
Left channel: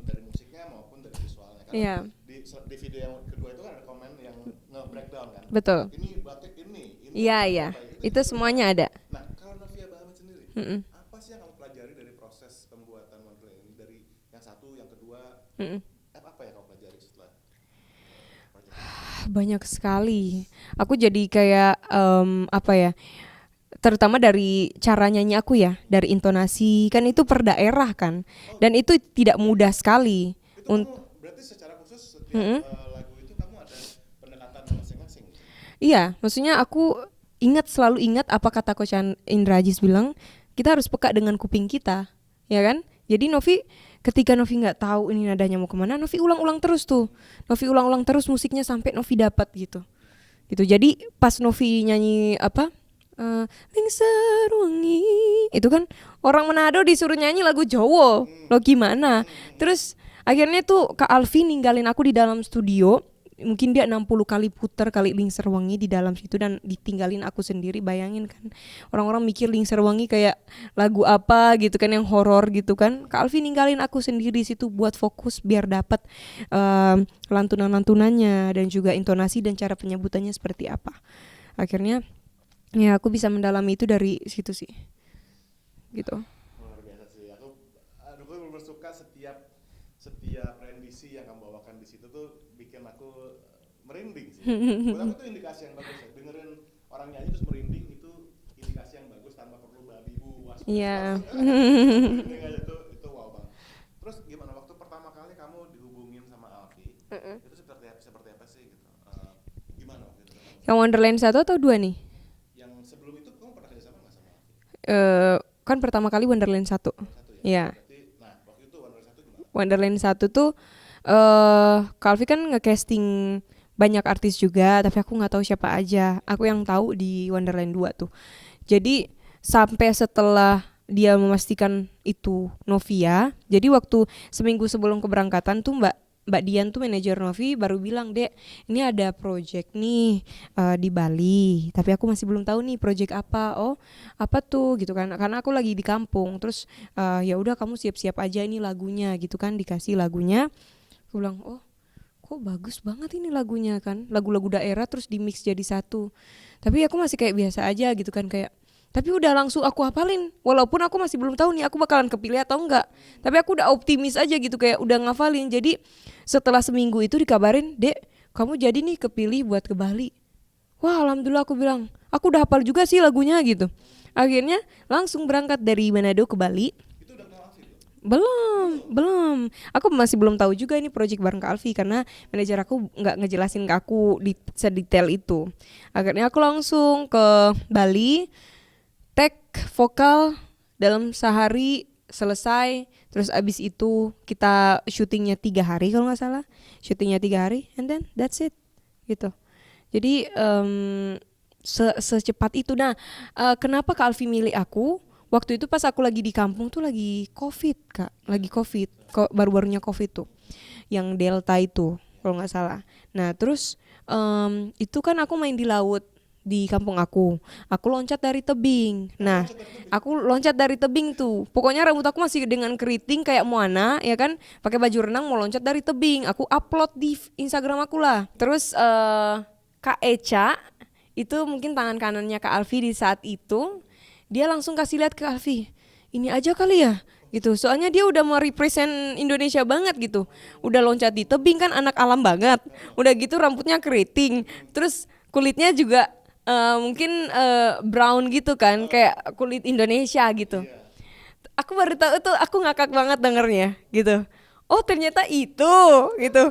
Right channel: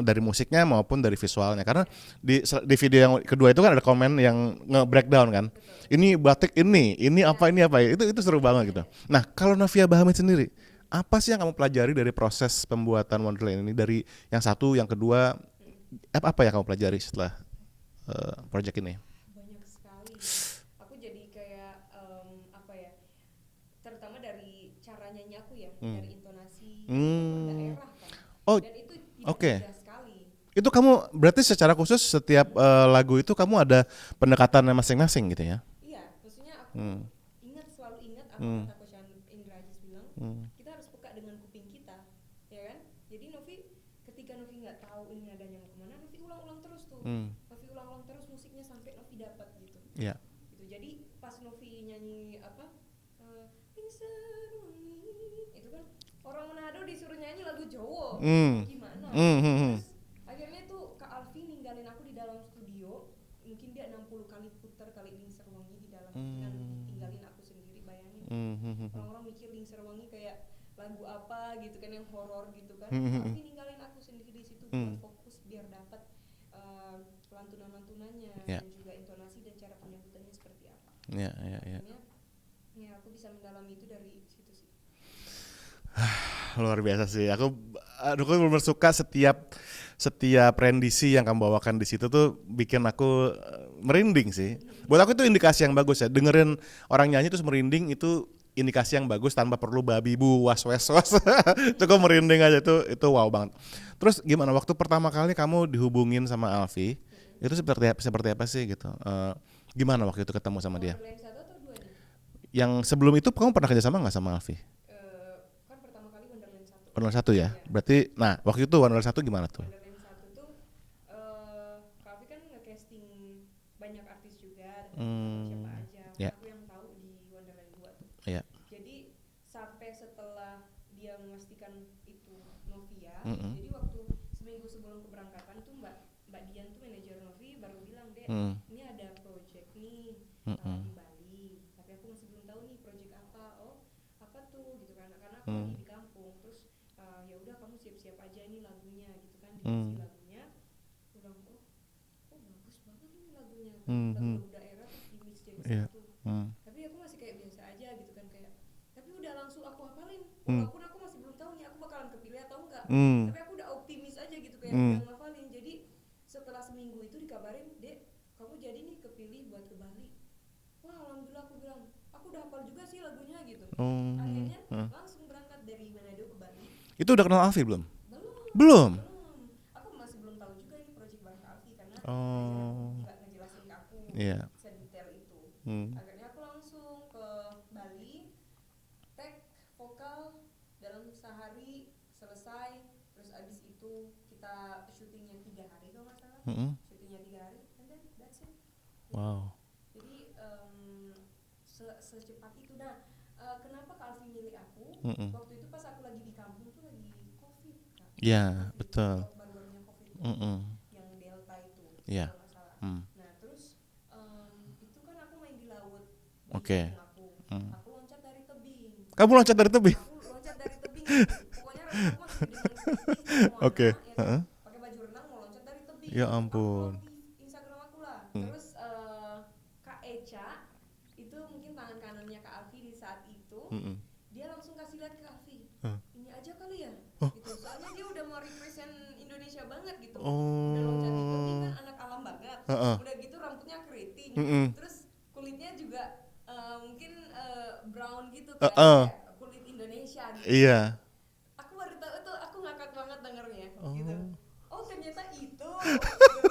dari musiknya maupun dari visualnya, karena di video yang kedua itu kan ada komen yang nge-breakdown kan. Betul. Ini batik ini apa itu seru banget. Ada. Gitu. Nah, kalau Novia Bahmit sendiri, apa sih yang kamu pelajari dari proses pembuatan Wonderland ini, dari yang satu, yang kedua, apa yang kamu pelajari setelah project ini? Banyak sekali. Aku jadi kayak terutama dari cara nyanyi aku ya, dari intonasi, kan itu per daerah kan, dan itu tidak mudah sekali. Itu kamu berarti secara khusus setiap lagu itu kamu ada pendekatannya masing-masing gitu ya? Iya, maksudnya aku selalu ingat apa kata Coach Indra Ajis bilang, kita harus peka dengan kuping kita, ya kan? Jadi ketika Novi nggak tahu ini nadanya mau kemana, Novi ulang-ulang terus tuh, Novi ulang-ulang terus musiknya sampai Novi dapat gitu. Yeah. Gitu. Jadi pas Novi nyanyi Lingser Wangi itu kan orang Manado disuruh nyanyi lagu Jawa, lo gimana? Terus akhirnya tuh Kak Alfi ninggalin aku di dalam studio, mungkin dia 60 kali putar kali Lingser Wangi di dalam situ dan ditinggalin aku sendiri. Bayangin kan, orang-orang mikir Lingser Wangi kayak lagu apa gitu kan, yang horor gitu kan. Kak Alfi ninggalin aku sendiri di situ buat fokus biar dapat lantunan-lantunannya dan juga intonasi dan cara penyebutannya seperti apa. Akhirnya ya aku bisa mendalami itu dari situ sih. Gitu. Luar biasa sih. Aku benar-benar suka setiap rendisi yang kamu bawakan di situ tuh bikin aku merinding sih. Buat aku itu indikasi yang bagus ya. Dengerin orang nyanyi terus merinding itu indikasi yang bagus tanpa perlu babi bu was. Cukup merinding aja, itu wow banget. Terus gimana waktu pertama kali kamu dihubungin sama Alfi? Itu seperti apa sih gitu? Gimana waktu itu ketemu sama dia? Wonderland 1 atau 2 nih? yang sebelum itu kamu pernah kerja sama nggak sama Alfi? Kan pertama kali Wonderland 1. Wonderland 1 ya? Iya. Berarti, nah waktu itu Wonderland 1 gimana tuh? Wonderland 1 tuh Kak Alfi kan nge-casting banyak artis juga, tapi aku nggak tahu siapa aja. Yeah. Aku yang tahu di Wonderland 2 tuh. Yeah. Jadi sampai setelah dia memastikan itu Novia, jadi waktu seminggu sebelum keberangkatan tuh Mbak Dian tuh manajer Novi baru bilang, "Dek, ini ada project nih di Bali, tapi aku masih belum tahu nih project apa." "Oh, apa tuh?" gitu kan. Karena aku lagi di kampung. Terus ya udah kamu siap-siap aja, ini lagunya gitu kan, dikasih lagunya. Aku bilang, "Oh, kok bagus banget ini lagunya kan, lagu-lagu daerah terus di mix jadi satu." Tapi aku masih kayak biasa aja gitu kan, kayak tapi udah langsung aku hafalin, walaupun aku masih belum tahu nih aku bakalan kepilih atau enggak. Tapi aku udah optimis aja gitu, kayak udah ngafalin. Jadi setelah seminggu itu dikabarin, "Dek, kamu jadi nih kepilih buat ke Bali." Wah, alhamdulillah, aku bilang, aku udah hafal juga sih lagunya gitu. Akhirnya langsung berangkat dari Manado ke Bali. Itu udah kenal Alfi belum? Belum. Aku masih belum tahu juga ini project bareng Kak Alfi karena manajer aku nggak ngejelasin ke aku sedetail itu. Akhirnya aku langsung ke Bali, tag vokal dalam sehari selesai. Terus abis itu kita syutingnya 3 hari kalau nggak salah. Syutingnya 3 hari, and then that's it gitu. Jadi secepat itu. Nah, kenapa Kak Alfi milih aku? Waktu itu pas aku lagi di kampung tuh lagi COVID, Kak. Lagi COVID. Baru-barunya COVID tuh. Yang Delta itu, kalau nggak salah. Nah, terus itu kan aku main di laut di kampung aku. Aku loncat dari tebing. Kamu loncat dari tebing? Aku loncat dari tebing tuh. Pokoknya rambut aku masih dengan keriting kayak Moana, ya kan? Pakai baju renang mau loncat dari tebing. Ya aku ampun. upload di Instagram aku lah. Terus Kak Echa itu mungkin tangan kanannya Kak Alfi di saat itu. Dia langsung kasih lihat ke Alfi, "Ini aja kali ya," gitu. Soalnya dia udah mau represent Indonesia banget gitu. Udah loncat di tebing kan, anak alam banget. Udah gitu rambutnya keriting. Terus kulitnya juga mungkin brown gitu kan, kayak kulit Indonesia gitu. Iya. Aku baru tahu tuh, aku ngakak banget dengernya gitu. Oh, ternyata itu gitu.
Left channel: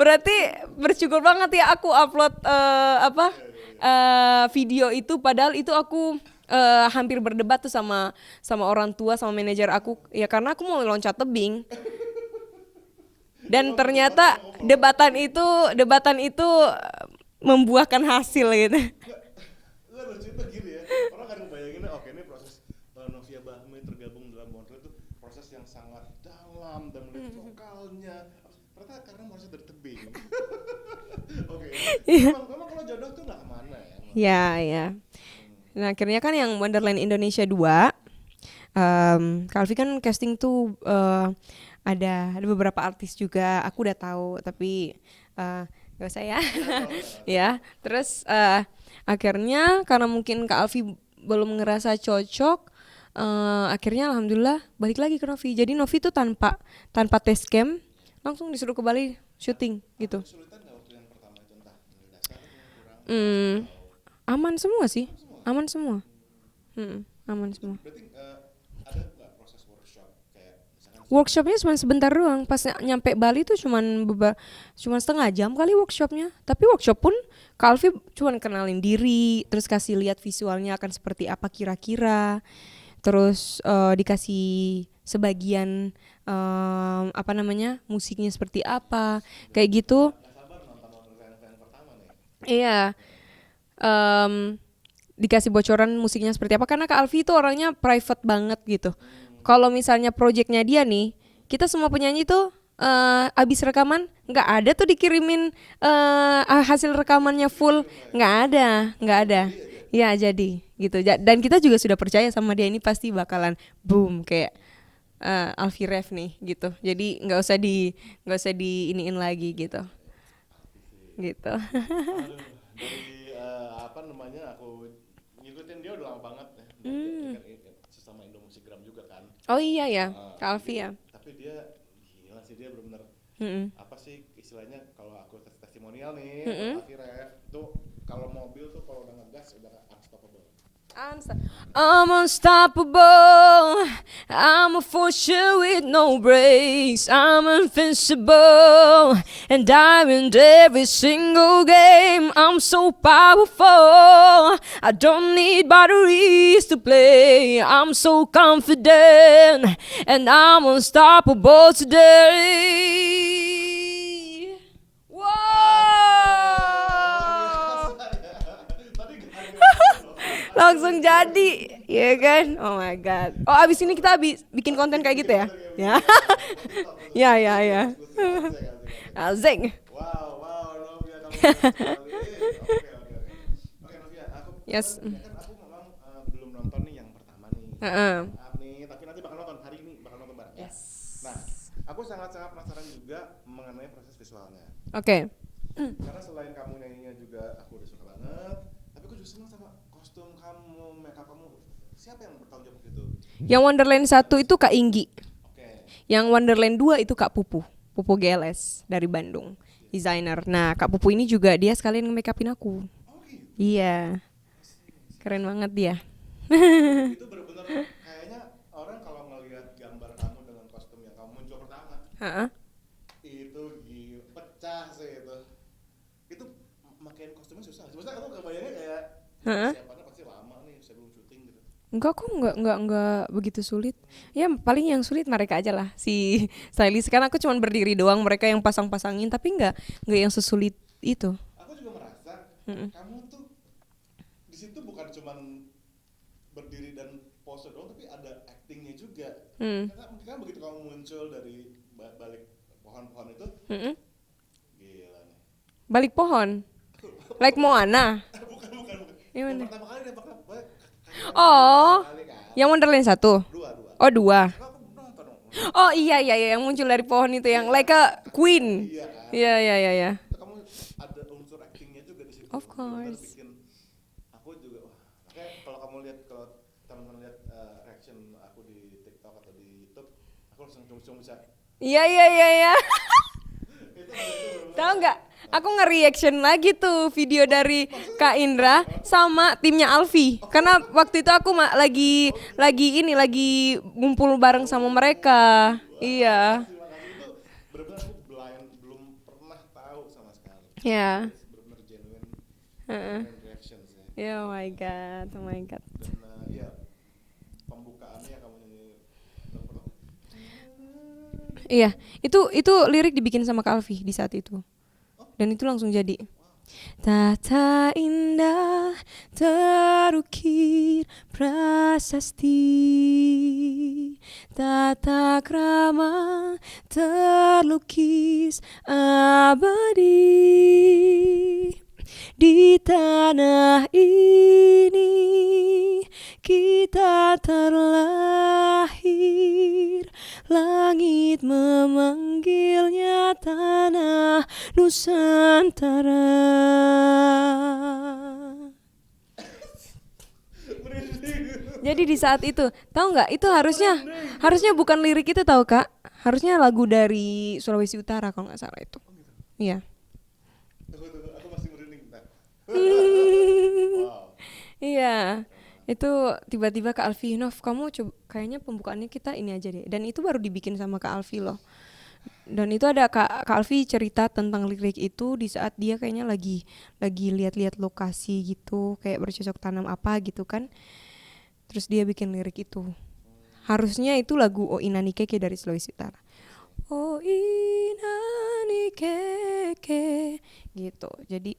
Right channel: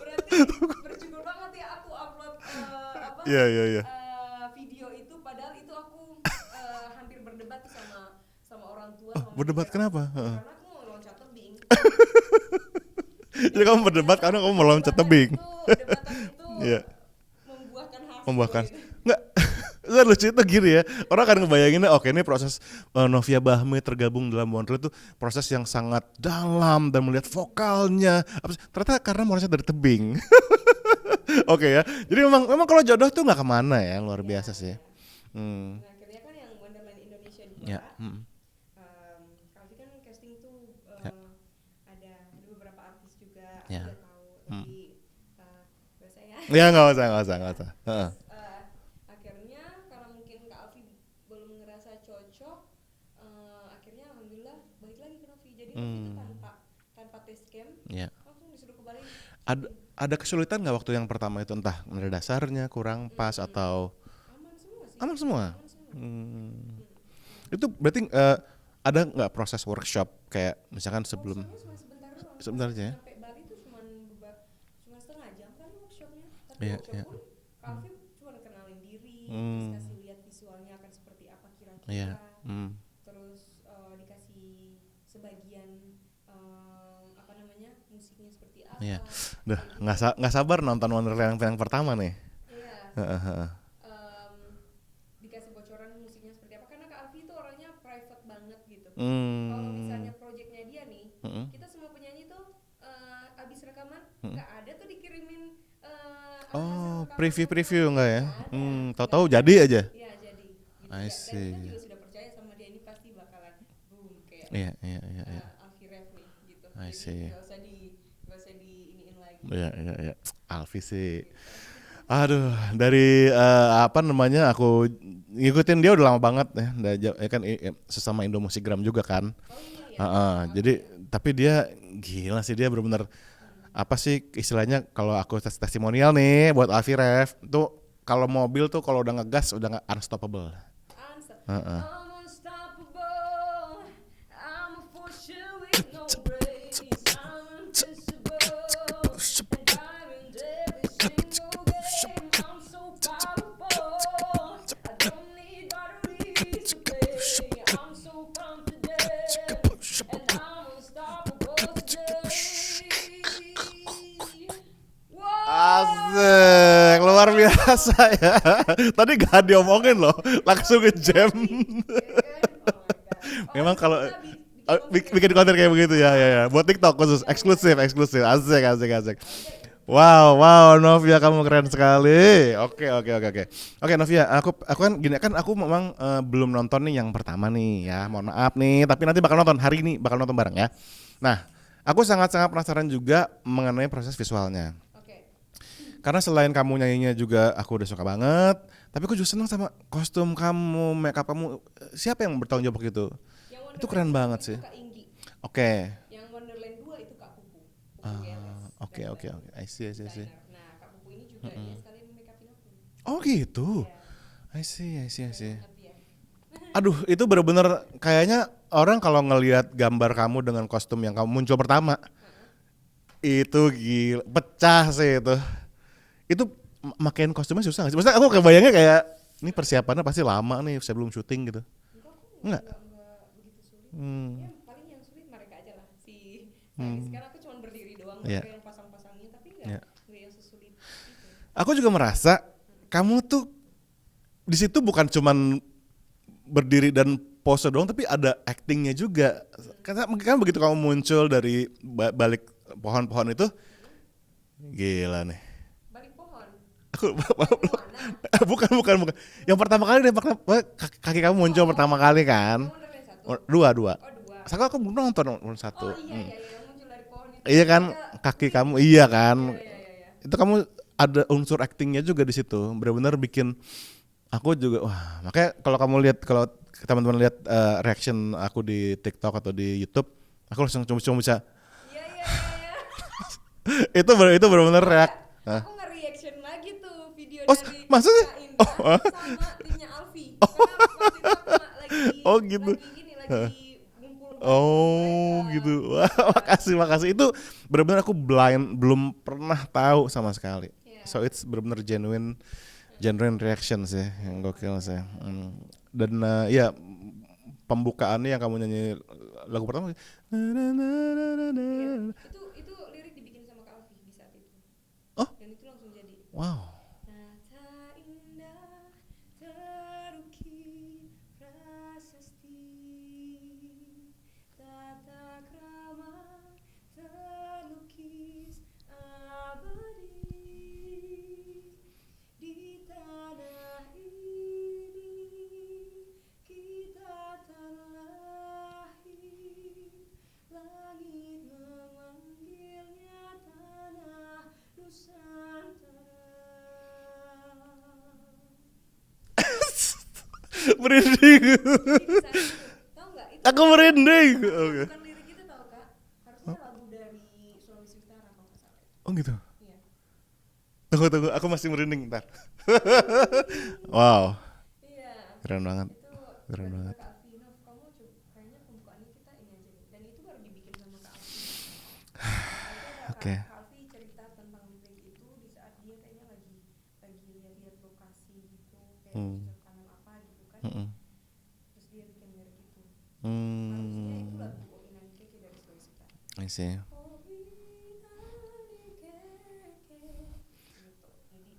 Berarti bersyukur banget ya aku upload video itu, padahal itu aku hampir berdebat tuh sama orang tua, sama manajer aku. Kenapa? Ya karena aku mau loncat tebing. Dan Jadi kamu ternyata berdebat karena kamu mau loncat tebing. debatan itu membuahkan hasil gitu. Enggak, lucu itu gini ya. Orang kan ngebayanginnya oke, ini proses Novia Bahmi tergabung dalam Wonderland itu proses yang sangat dalam dan melihat vokalnya. Ternyata karena mau loncat dari tebing. Oke ya. Jadi memang kalau jodoh tuh nggak kemana ya, luar biasa sih. Ya. Nah, akhirnya kan yang Wonderland Indonesia 2, Kak Alfi kan casting tuh ada beberapa artis juga. Aku udah tahu, tapi gak usah ya. Ya nggak usah. Ya. Terus akhirnya karena mungkin Kak Alfi belum ngerasa cocok, akhirnya alhamdulillah balik lagi ke Novi. Jadi Novi tuh tanpa test cam, langsung disuruh ke Bali syuting. Ada kesulitan nggak waktu yang pertama itu, entah nada dasarnya kurang pas atau aman semua sih? Aman semua. Aman semua. Itu berarti ada nggak proses workshop kayak misalkan workshopnya cuma sebentar doang. Pas nyampe Bali tuh cuma setengah jam kali workshopnya. Tapi workshop pun Kak Alfi cuma kenalin diri, terus kasih lihat visualnya akan seperti apa kira-kira. Terus dikasih sebagian musiknya seperti apa, kayak gitu. Nggak sabar nonton Wonderland yang pertama nih. Iya. Dikasih bocoran musiknya seperti apa, karena Kak Alfi itu orangnya private banget gitu. Kalau misalnya projectnya dia nih, kita semua penyanyi tuh abis rekaman nggak ada tuh dikirimin hasil rekamannya full, nggak ada. Jadi aja. Ya jadi gitu. Dan kita juga sudah percaya sama dia, ini pasti bakalan boom kayak Alfi Ref nih gitu. Jadi nggak usah diiniin lagi gitu. Alfi sih. Gitu. Aduh, dari aku ngikutin dia udah lama banget ya. Kan sesama Indo Musikgram juga kan. Oh iya ya. Jadi tapi dia gila sih, dia benar-benar apa sih istilahnya, kalau aku testimonial nih buat Alfi Ref tuh, kalau mobil tuh kalau udah ngegas udah nggak unstoppable. I'm unstoppable. I'm a fortune with no brakes. I'm invincible, and I win every single game. I'm so powerful. I don't need batteries to play. I'm so confident, and I'm unstoppable today. Asik, luar biasa ya. Tadi gak diomongin loh, langsung ngejam. jadi, ya kan? Oh my god. Oh, Memang abis ini kalau- kita bikin konten kayak bikin gitu konten ya? kayak begitu ya, buat TikTok khusus, Ya, eksklusif. Asik. Asik. Wow, Novia kamu keren sekali. Oke, Novia, aku kan gini kan aku memang belum nonton nih yang pertama nih. Ya, mohon maaf nih, tapi nanti bakal nonton hari ini, bakal nonton bareng ya. Nah, aku sangat-sangat penasaran juga mengenai proses visualnya. Oke. Karena selain kamu nyanyinya juga aku udah suka banget, tapi aku juga senang sama kostum kamu, makeup kamu. Siapa yang bertanggung jawab itu? Yang Wonderland Keren 1 banget itu sih. Kak Inggi. Oke. Yang Wonderland 2 itu Kak Pupu. Pupu GLS oke, dari oke. Bandung. I see. Desainer. Nah, Kak Pupu ini juga dia sekalian nge-make upin aku. Oh gitu. Iya. I see. Keren banget dia. Aduh, itu bener-bener kayaknya orang kalau ngelihat gambar kamu dengan kostum yang kamu muncul pertama, Heeh. itu gila, pecah sih itu. Itu makein kostumnya susah gak sih? Maksudnya aku kebayangnya kayak ini persiapannya pasti lama nih sebelum syuting gitu. Enggak kok, enggak begitu sulit. Ya paling yang sulit mereka aja lah si stylist. Karena aku cuma berdiri doang, mereka yang pasang-pasangin, tapi enggak yang sesulit itu. Aku juga merasa kamu tuh di situ bukan cuman berdiri dan pose doang, tapi ada actingnya juga. Karena kan begitu kamu muncul dari balik pohon-pohon itu, gila nih. Balik pohon. Aku Like Moana. bukan. Yang pertama kali nembak kaki kamu muncul pertama kali kan. Yang Wonderland 1. Dua. Oh 2. Aku belum nonton. Oh iya yang muncul dari pohon itu Iya yang kan, like a kaki queen. kamu iya kan. Iya. Itu kamu ada unsur actingnya juga di situ. Benar-benar bikin aku juga wah. Makanya kalau teman-teman lihat reaction aku di TikTok atau di YouTube, aku langsung cuma bisa. Iya. itu benar-benar Oh, enggak. Aku nge-reaction lagi tuh video dari maksudnya? Kak Indra sama timnya Alfi. Karena waktu itu aku lagi gitu. lagi ngumpul bareng sama mereka. Gitu. Wah, Iya. Makasih. Itu benar-benar aku blind, belum pernah tahu sama sekali. Yeah. So it's benar-benar genuine reaction sih. Yeah, oh my Gokil sih. God, oh my God. Dan ya pembukaannya yang kamu nyanyi lagu pertama. Iya, itu lirik dibikin sama Kak Alfi di saat itu. Oh. Dan itu langsung jadi. Wow. Tata indah terukir prasasti, tata krama terlukis abadi. Di tanah ini kita terlahir, langit memanggilnya tanah Nusantara. Merinding. Jadi di saat itu, tahu nggak? Itu Aku merinding. harusnya bukan lirik itu tahu Kak. Harusnya lagu dari Sulawesi Utara kalau nggak salah itu. Oh gitu. Iya. Tunggu, aku masih merinding ntar. Wow, Iya. keren banget. Itu tiba-tiba Kak Alfi, Nov, kamu coba kayaknya pembukaannya kita ini aja deh. Dan itu baru dibikin sama Kak Alfi loh. Dan itu ada Kak Alfi cerita tentang lirik itu di saat dia kayaknya lagi lihat-lihat lokasi gitu, kayak bercocok tanam apa gitu kan. Terus dia bikin lirik itu. Harusnya itu lagu O Inani Keke dari Sulawesi Utara. I see. O Inani Keke gitu. Jadi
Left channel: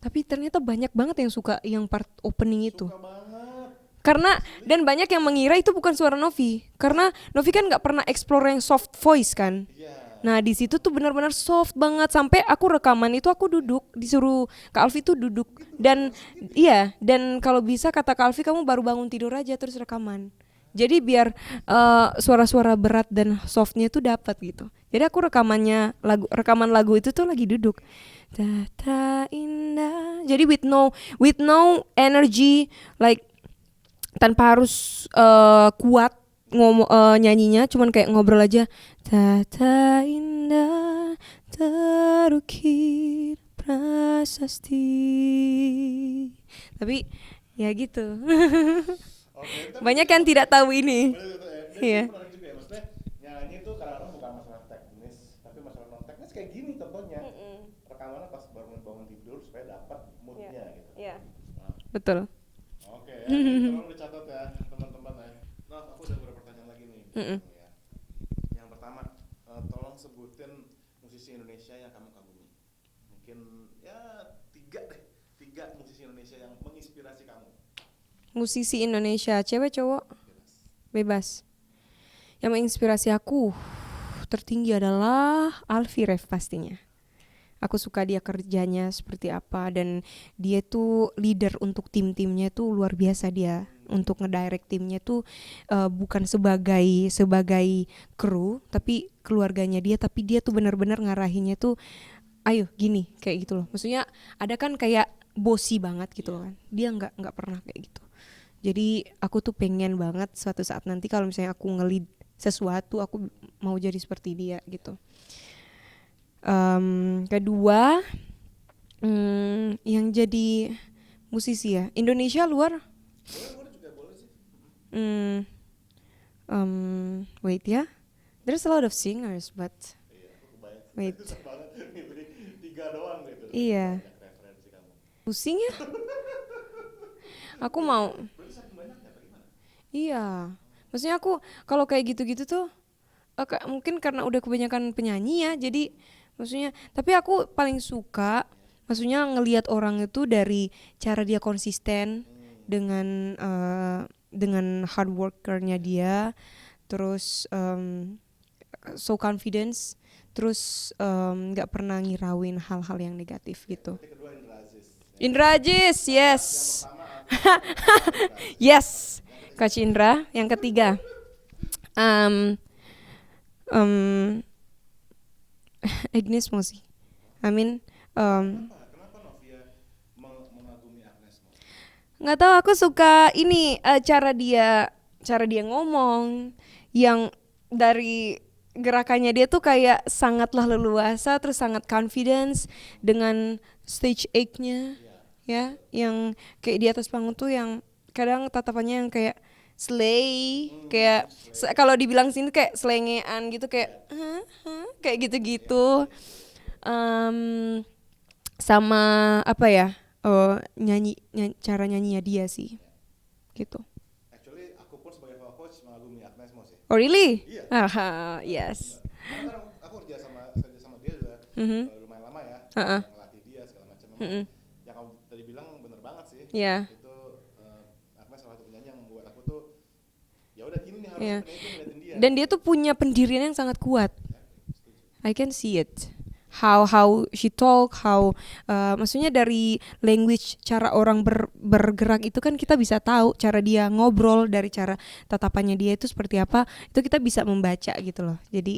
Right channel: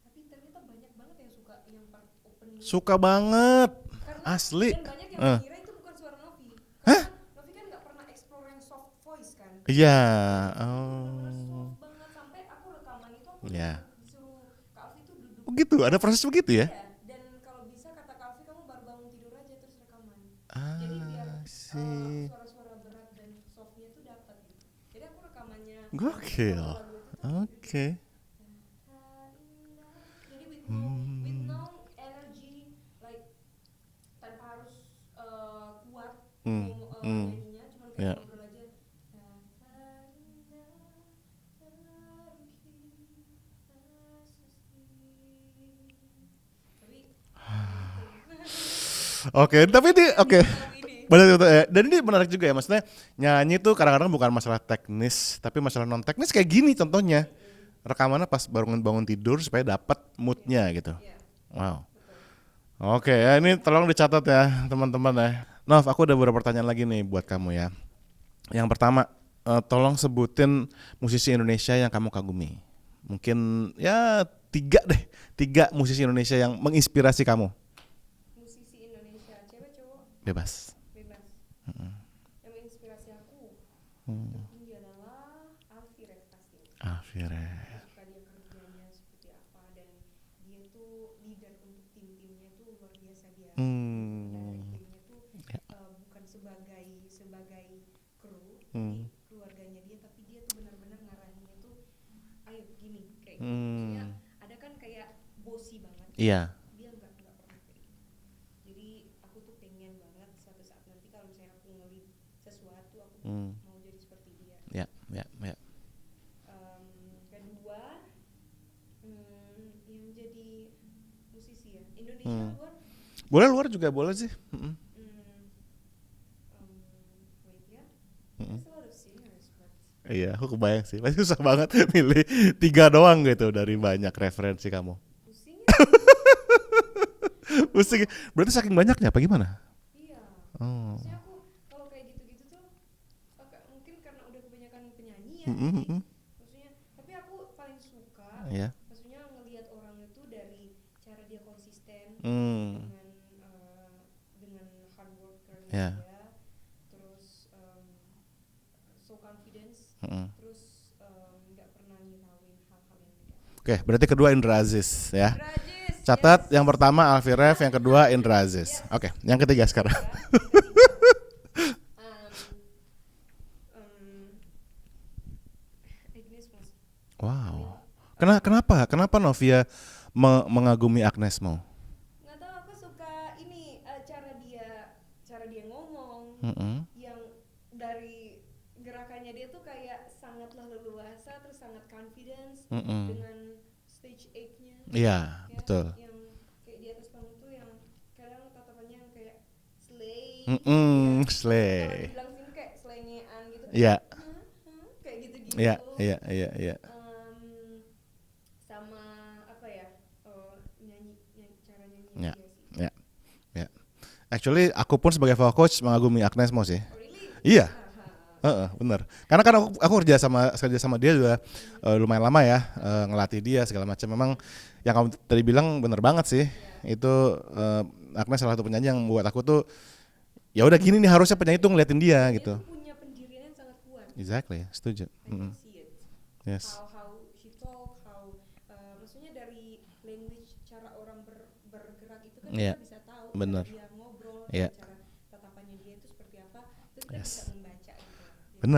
tapi ternyata banyak banget yang suka yang part opening itu. Suka banget. Karena Asli. dan banyak yang mengira itu bukan suara Novi. Karena Novi kan nggak pernah explore yang soft voice kan. Iya. Nah di situ tuh benar-benar soft banget sampai aku rekaman itu aku duduk disuruh Kak Alfi tuh duduk. Begitu, ada proses begitu ya? Iya dan kalau bisa kata Kak Alfi kamu baru bangun tidur aja terus rekaman. Jadi biar suara-suara berat dan softnya tuh dapat gitu. Jadi aku rekaman lagu itu tuh lagi duduk. Okay. Tata indah. Jadi with no energy like tanpa harus kuat nyanyinya, cuman kayak ngobrol aja. Tata indah terukir prasasti. Tapi Ya gitu. Oke, tapi Banyak ini yang oke. tidak tahu ini. Benar betul ya. Dan ini Iya. menarik juga ya, maksudnya nyanyi tuh kadang-kadang bukan masalah teknis, tapi masalah non teknis kayak gini contohnya. Rekamannya pas bangun tidur supaya dapat moodnya gitu. Iya. Wow. Betul. Oke ya, ini tolong dicatat ya teman-teman ya. Nov, aku ada beberapa pertanyaan lagi nih buat kamu ya. Yang pertama, tolong sebutin musisi Indonesia yang kamu kagumi. Mungkin ya 3 musisi Indonesia yang menginspirasi kamu. Musisi Indonesia, cewek cowok, Bebas. bebas. Yang menginspirasi aku tertinggi adalah Alfie Rev pastinya. Akhirnya. Aku suka dia kerjanya seperti apa, dan dia tuh leader untuk tim-timnya tuh luar biasa dia. Untuk ngedirect timnya tuh bukan sebagai kru, tapi keluarganya dia, tapi dia tuh benar-benar ngarahinnya tuh ayo gini kayak gitu loh. Maksudnya ada kan kayak bossy banget gitu. Iya. Dia nggak pernah kayak gitu. Jadi aku tuh pengen banget suatu saat nanti kalau misalnya aku nge-lead sesuatu, aku mau jadi seperti dia gitu. Ya. Kedua, yang jadi musisi ya Indonesia luar. Boleh luar juga boleh sih. Wait ya, there's a lot of singers, but Iya, aku kebayang sih. Wait. Susah banget milih 3 doang gitu dari Iya. banyak referensi kamu. pusing ya. Aku Pusing. mau, Berarti saking banyaknya apa gimana? iya. Oh. Maksudnya aku kalau kayak gitu-gitu tuh mungkin karena udah kebanyakan penyanyi ya, jadi maksudnya. Tapi aku paling suka, Iya. maksudnya ngelihat orang itu dari cara dia konsisten dengan hard workernya Yeah. dia, terus so confidence, terus nggak pernah ngirauin hal-hal yang negatif. Oke, gitu. berarti kedua Indra Aziz ya. Indra Aziz, Catat yes. yang pertama Alfie Rev, yang kedua Indra Aziz. Yes. Oke, yang ketiga Coach siapa? Indra, yang ketiga. um, Agnes Mo sih. Wow. I mean, Kenapa Novia mengagumi Agnes Mo? nggak tahu, aku suka ini cara dia ngomong, yang dari gerakannya dia tuh kayak sangatlah leluasa, terus sangat confidence dengan stage act-nya. Iya, Ya, betul. yang kayak di atas panggung tuh yang kadang tatapannya yang kayak slay, Mm-mm, kayak slay. kalau dibilang sini kayak selengean gitu, kayak Iya. kayak gitu-gitu. Iya. Sama apa ya, cara nyanyinya dia sih. Iya. Gitu. Actually, aku pun sebagai vocal coach mengagumi Agnes Mo sih. Oh really? Iya. Yes. Bener. Karena kan aku kerja sama dia juga lumayan lama ya, ngelatih dia segala macam. Memang yang kamu tadi bilang bener banget sih. Iya. Itu Agnes salah satu penyanyi yang buat aku tuh ya udah gini nih harusnya penyanyi tuh ngeliatin dia. Dan dia gitu. tuh punya pendirian yang sangat kuat. Exactly, setuju. I can see it. Yes. How she talk, maksudnya dari language, cara orang bergerak itu kan kita bisa tahu. Bener. Cara dia ngobrol, dari cara tatapannya dia itu seperti apa, itu kita bisa membaca gitu loh. Jadi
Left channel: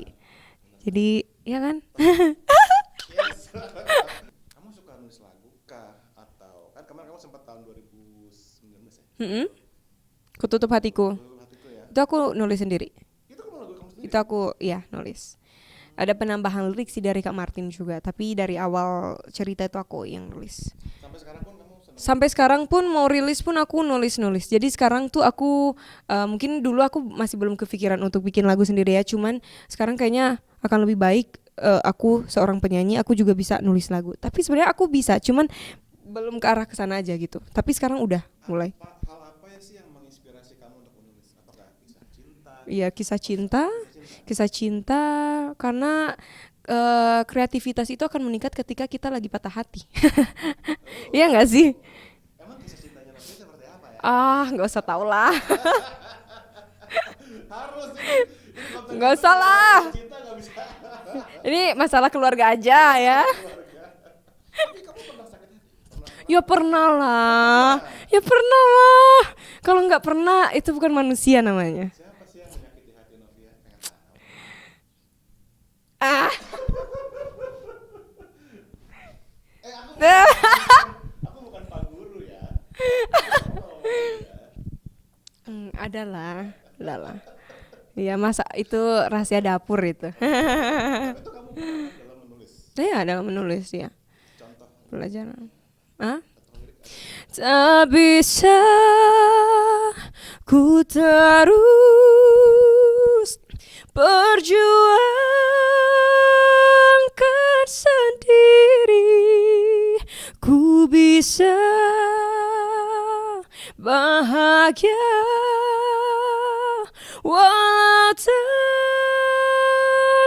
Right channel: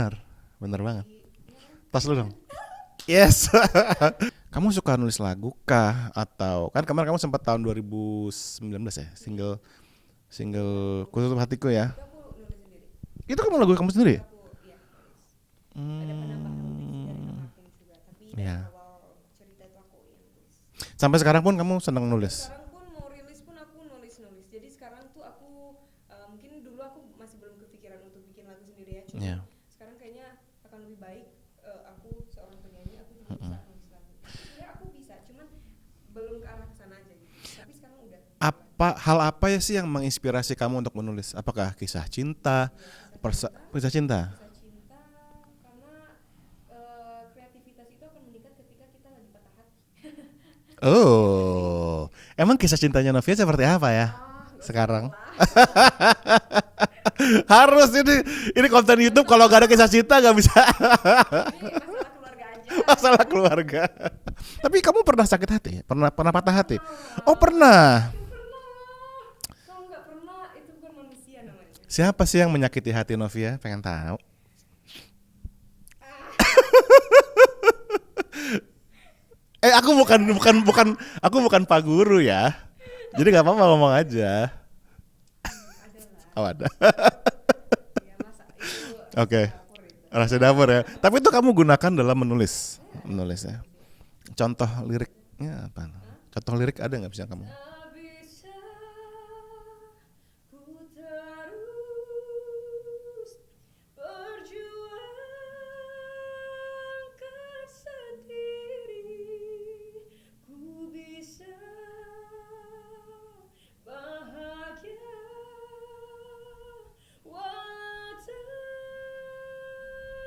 Bener banget. jadi ya kan? Tas dulu. Yes. Kamu suka nulis lagu kah, atau kan kemarin kamu sempat tahun 2019 ya single Kututup Hatiku. Kututup Hatiku ya. Itu aku nulis sendiri. Itu kamu lagu kamu sendiri? Itu aku nulis. Ada penambahan lirik sih dari Kak Martin juga, tapi dari awal cerita itu aku yang nulis. Sampai sekarang pun kamu senang Sampai nulis? sekarang pun mau rilis pun aku nulis. Jadi sekarang tuh aku mungkin dulu aku masih belum kepikiran untuk bikin lagu sendiri ya, cuman sekarang kayaknya akan lebih baik aku seorang penyanyi, aku juga bisa nulis lagu. Tapi sebenarnya aku bisa, cuman belum ke arah kesana aja gitu. Tapi sekarang udah mulai. Hal apa ya sih yang menginspirasi kamu untuk menulis? Apakah kisah cinta? Iya, kisah cinta. Kisah cinta, karena kreativitas itu akan meningkat ketika kita lagi patah hati. Oh. Iya nggak sih? Emang kisah cintanya Novia seperti apa ya? Nggak usah Sekarang. tahu lah. Harus ini konten Nggak YouTube usah kalau gak ada lah. kisah cinta gak bisa. Ini masalah keluarga aja ya. Masalah keluarga. Tapi kamu pernah sakit hati? Pernah Ya patah hati? pernah lah. Oh pernah. Ya pernah lah. Kalau nggak pernah itu bukan manusia namanya. Siapa sih yang menyakiti hati Novia? Pengen tahu. Aku bukan Pak Guru ya. Jadi nggak apa-apa ngomong aja. Ada lah. Oh ada. Iya, masa itu rahasia Oke. dapur itu. Rahasia dapur ya. Tapi itu kamu gunakan dalam menulis. Saya ada Menulis, menulis ya. contoh Belajar. liriknya apa? Hah? Contoh lirik ada nggak bisa kamu? Tak bisa ku terus perjuangkan sendiri, ku bisa bahagia walau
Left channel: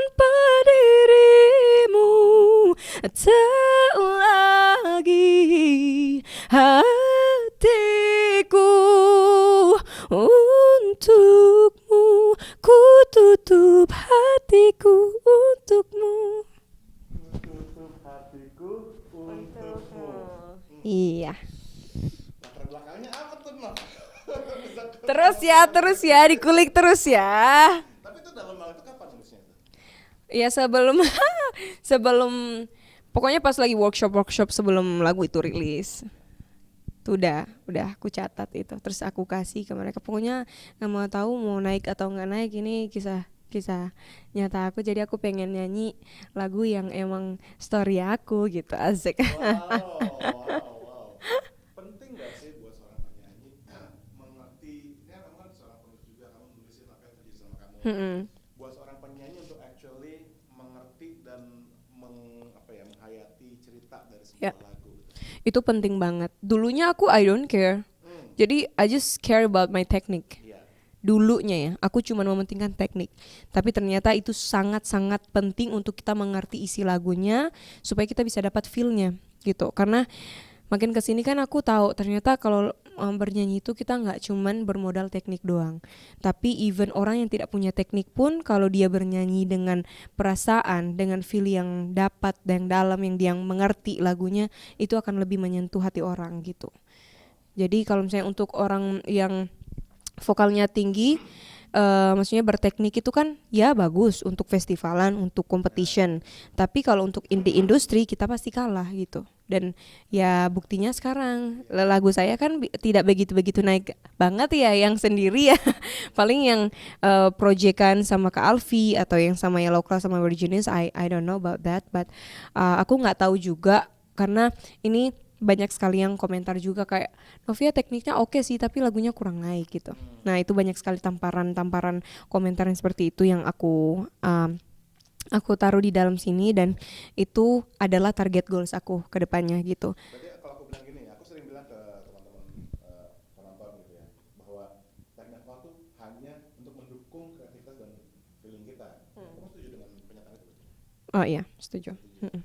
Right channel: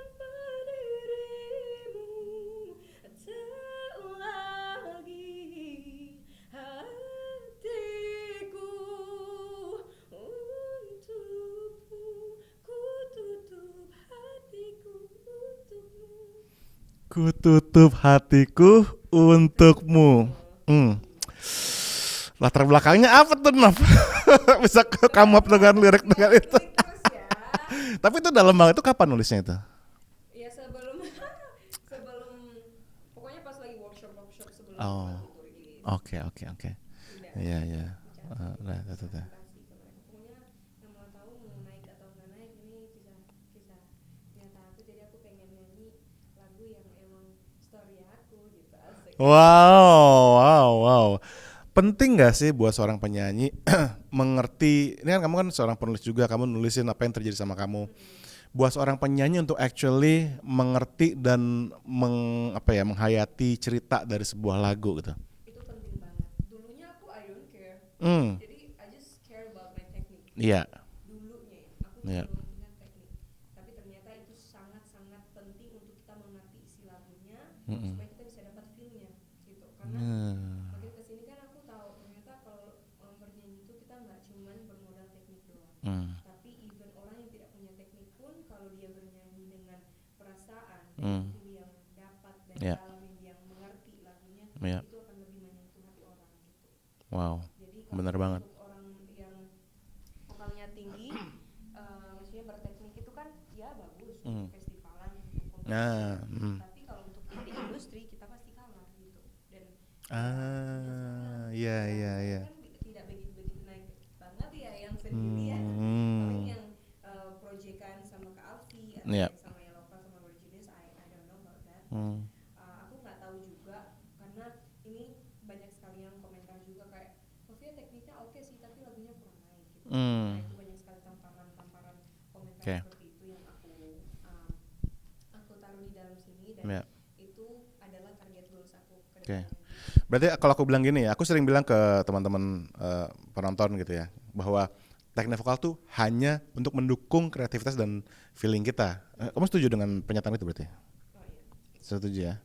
tanpa dirimu, tak lagi hatiku untukmu, ku tutup hatiku untukmu. Ku tutup hatiku untukmu. Iya. Latar belakangnya apa tuh, Nov? Bisa kamu Terus ya, dikulik terus ya. Tapi itu dalam banget, itu kapan nulisnya itu? Ya sebelum sebelum pokoknya pas lagi workshop sebelum lagu itu rilis. Oke. Itu udah Iya. aku catat itu. Udah, Terus aku kasih ke mereka. Pokoknya nggak mau tahu mau naik atau nggak naik, ini kisah nyata aku. Jadi aku pengen nyanyi lagu yang emang story aku gitu, asik. Wow. Penting gak sih buat seorang penyanyi mengerti, ini kan kamu kan seorang penulis juga, kamu nulisin apa yang terjadi sama kamu. Buat seorang penyanyi untuk actually mengerti dan menghayati cerita dari sebuah lagu gitu. Itu penting banget. Dulunya aku I don't care. Jadi I just care about my technique. Iya. Dulunya ya, aku cuma mementingkan teknik. Tapi ternyata itu sangat-sangat penting untuk kita mengerti isi lagunya supaya kita bisa dapat feel-nya gitu. Karena makin kesini kan aku tahu ternyata kalau bernyanyi itu kita nggak cuman bermodal teknik doang. Tapi even orang yang tidak punya teknik pun kalau dia bernyanyi dengan perasaan, dengan feel yang dapat dan dalam, yang dia mengerti lagunya, itu akan lebih menyentuh hati orang gitu. Wow. Jadi kalau misalnya untuk orang yang vokalnya tinggi, maksudnya berteknik itu kan ya bagus untuk festivalan, untuk competition. Tapi kalau untuk di industri kita pasti kalah gitu. Dan ya buktinya sekarang lagu saya kan tidak begitu naik banget ya, yang sendiri ya. Paling yang proyekan sama Kak Alfi atau yang sama Yellow Class sama Virginis, I don't know about that, but aku nggak tahu juga karena ini banyak sekali yang komentar juga kayak Novia tekniknya oke sih tapi lagunya kurang naik gitu. Nah itu banyak sekali tamparan komentar yang seperti itu yang aku taruh di dalam sini dan itu adalah target goals aku ke depannya gitu. Berarti kalau aku bilang gini ya, aku sering bilang ke teman-teman penonton gitu ya, bahwa teknik vokal tuh hanya untuk mendukung kreativitas dan feeling kita. Kamu setuju dengan pernyataan itu berarti? Oh iya, setuju. Setuju ya.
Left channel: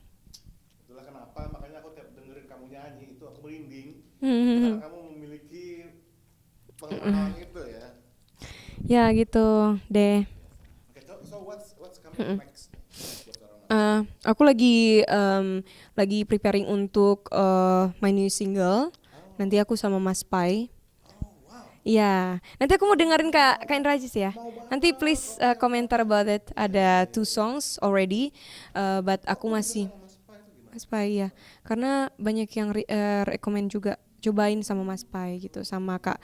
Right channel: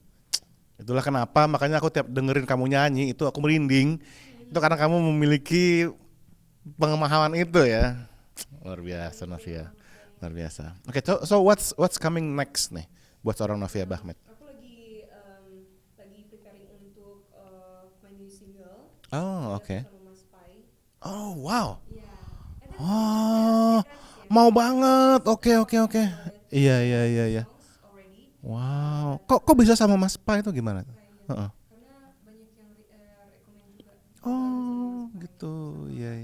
Itulah kenapa makanya aku tiap dengerin kamu nyanyi itu aku merinding. Itu karena kamu memiliki pemahaman itu ya. Luar biasa, ya gitu Novia. deh. Luar biasa. Oke, so what's coming next nih buat seorang Novia Bahmet? Aku lagi preparing untuk my new single. Nanti aku sama Mas Pai. Oh wow. Iya, nanti aku mau dengerin Kak Kain Rajis ya. Mau banget. Nanti please Oke. komentar about it. Iya, Ada 2 songs already. Wow. But Kok aku bisa masih sama Mas Pai itu gimana? Mas Pai ya. Karena banyak yang rekomend juga cobain sama Mas Pai gitu, sama Kak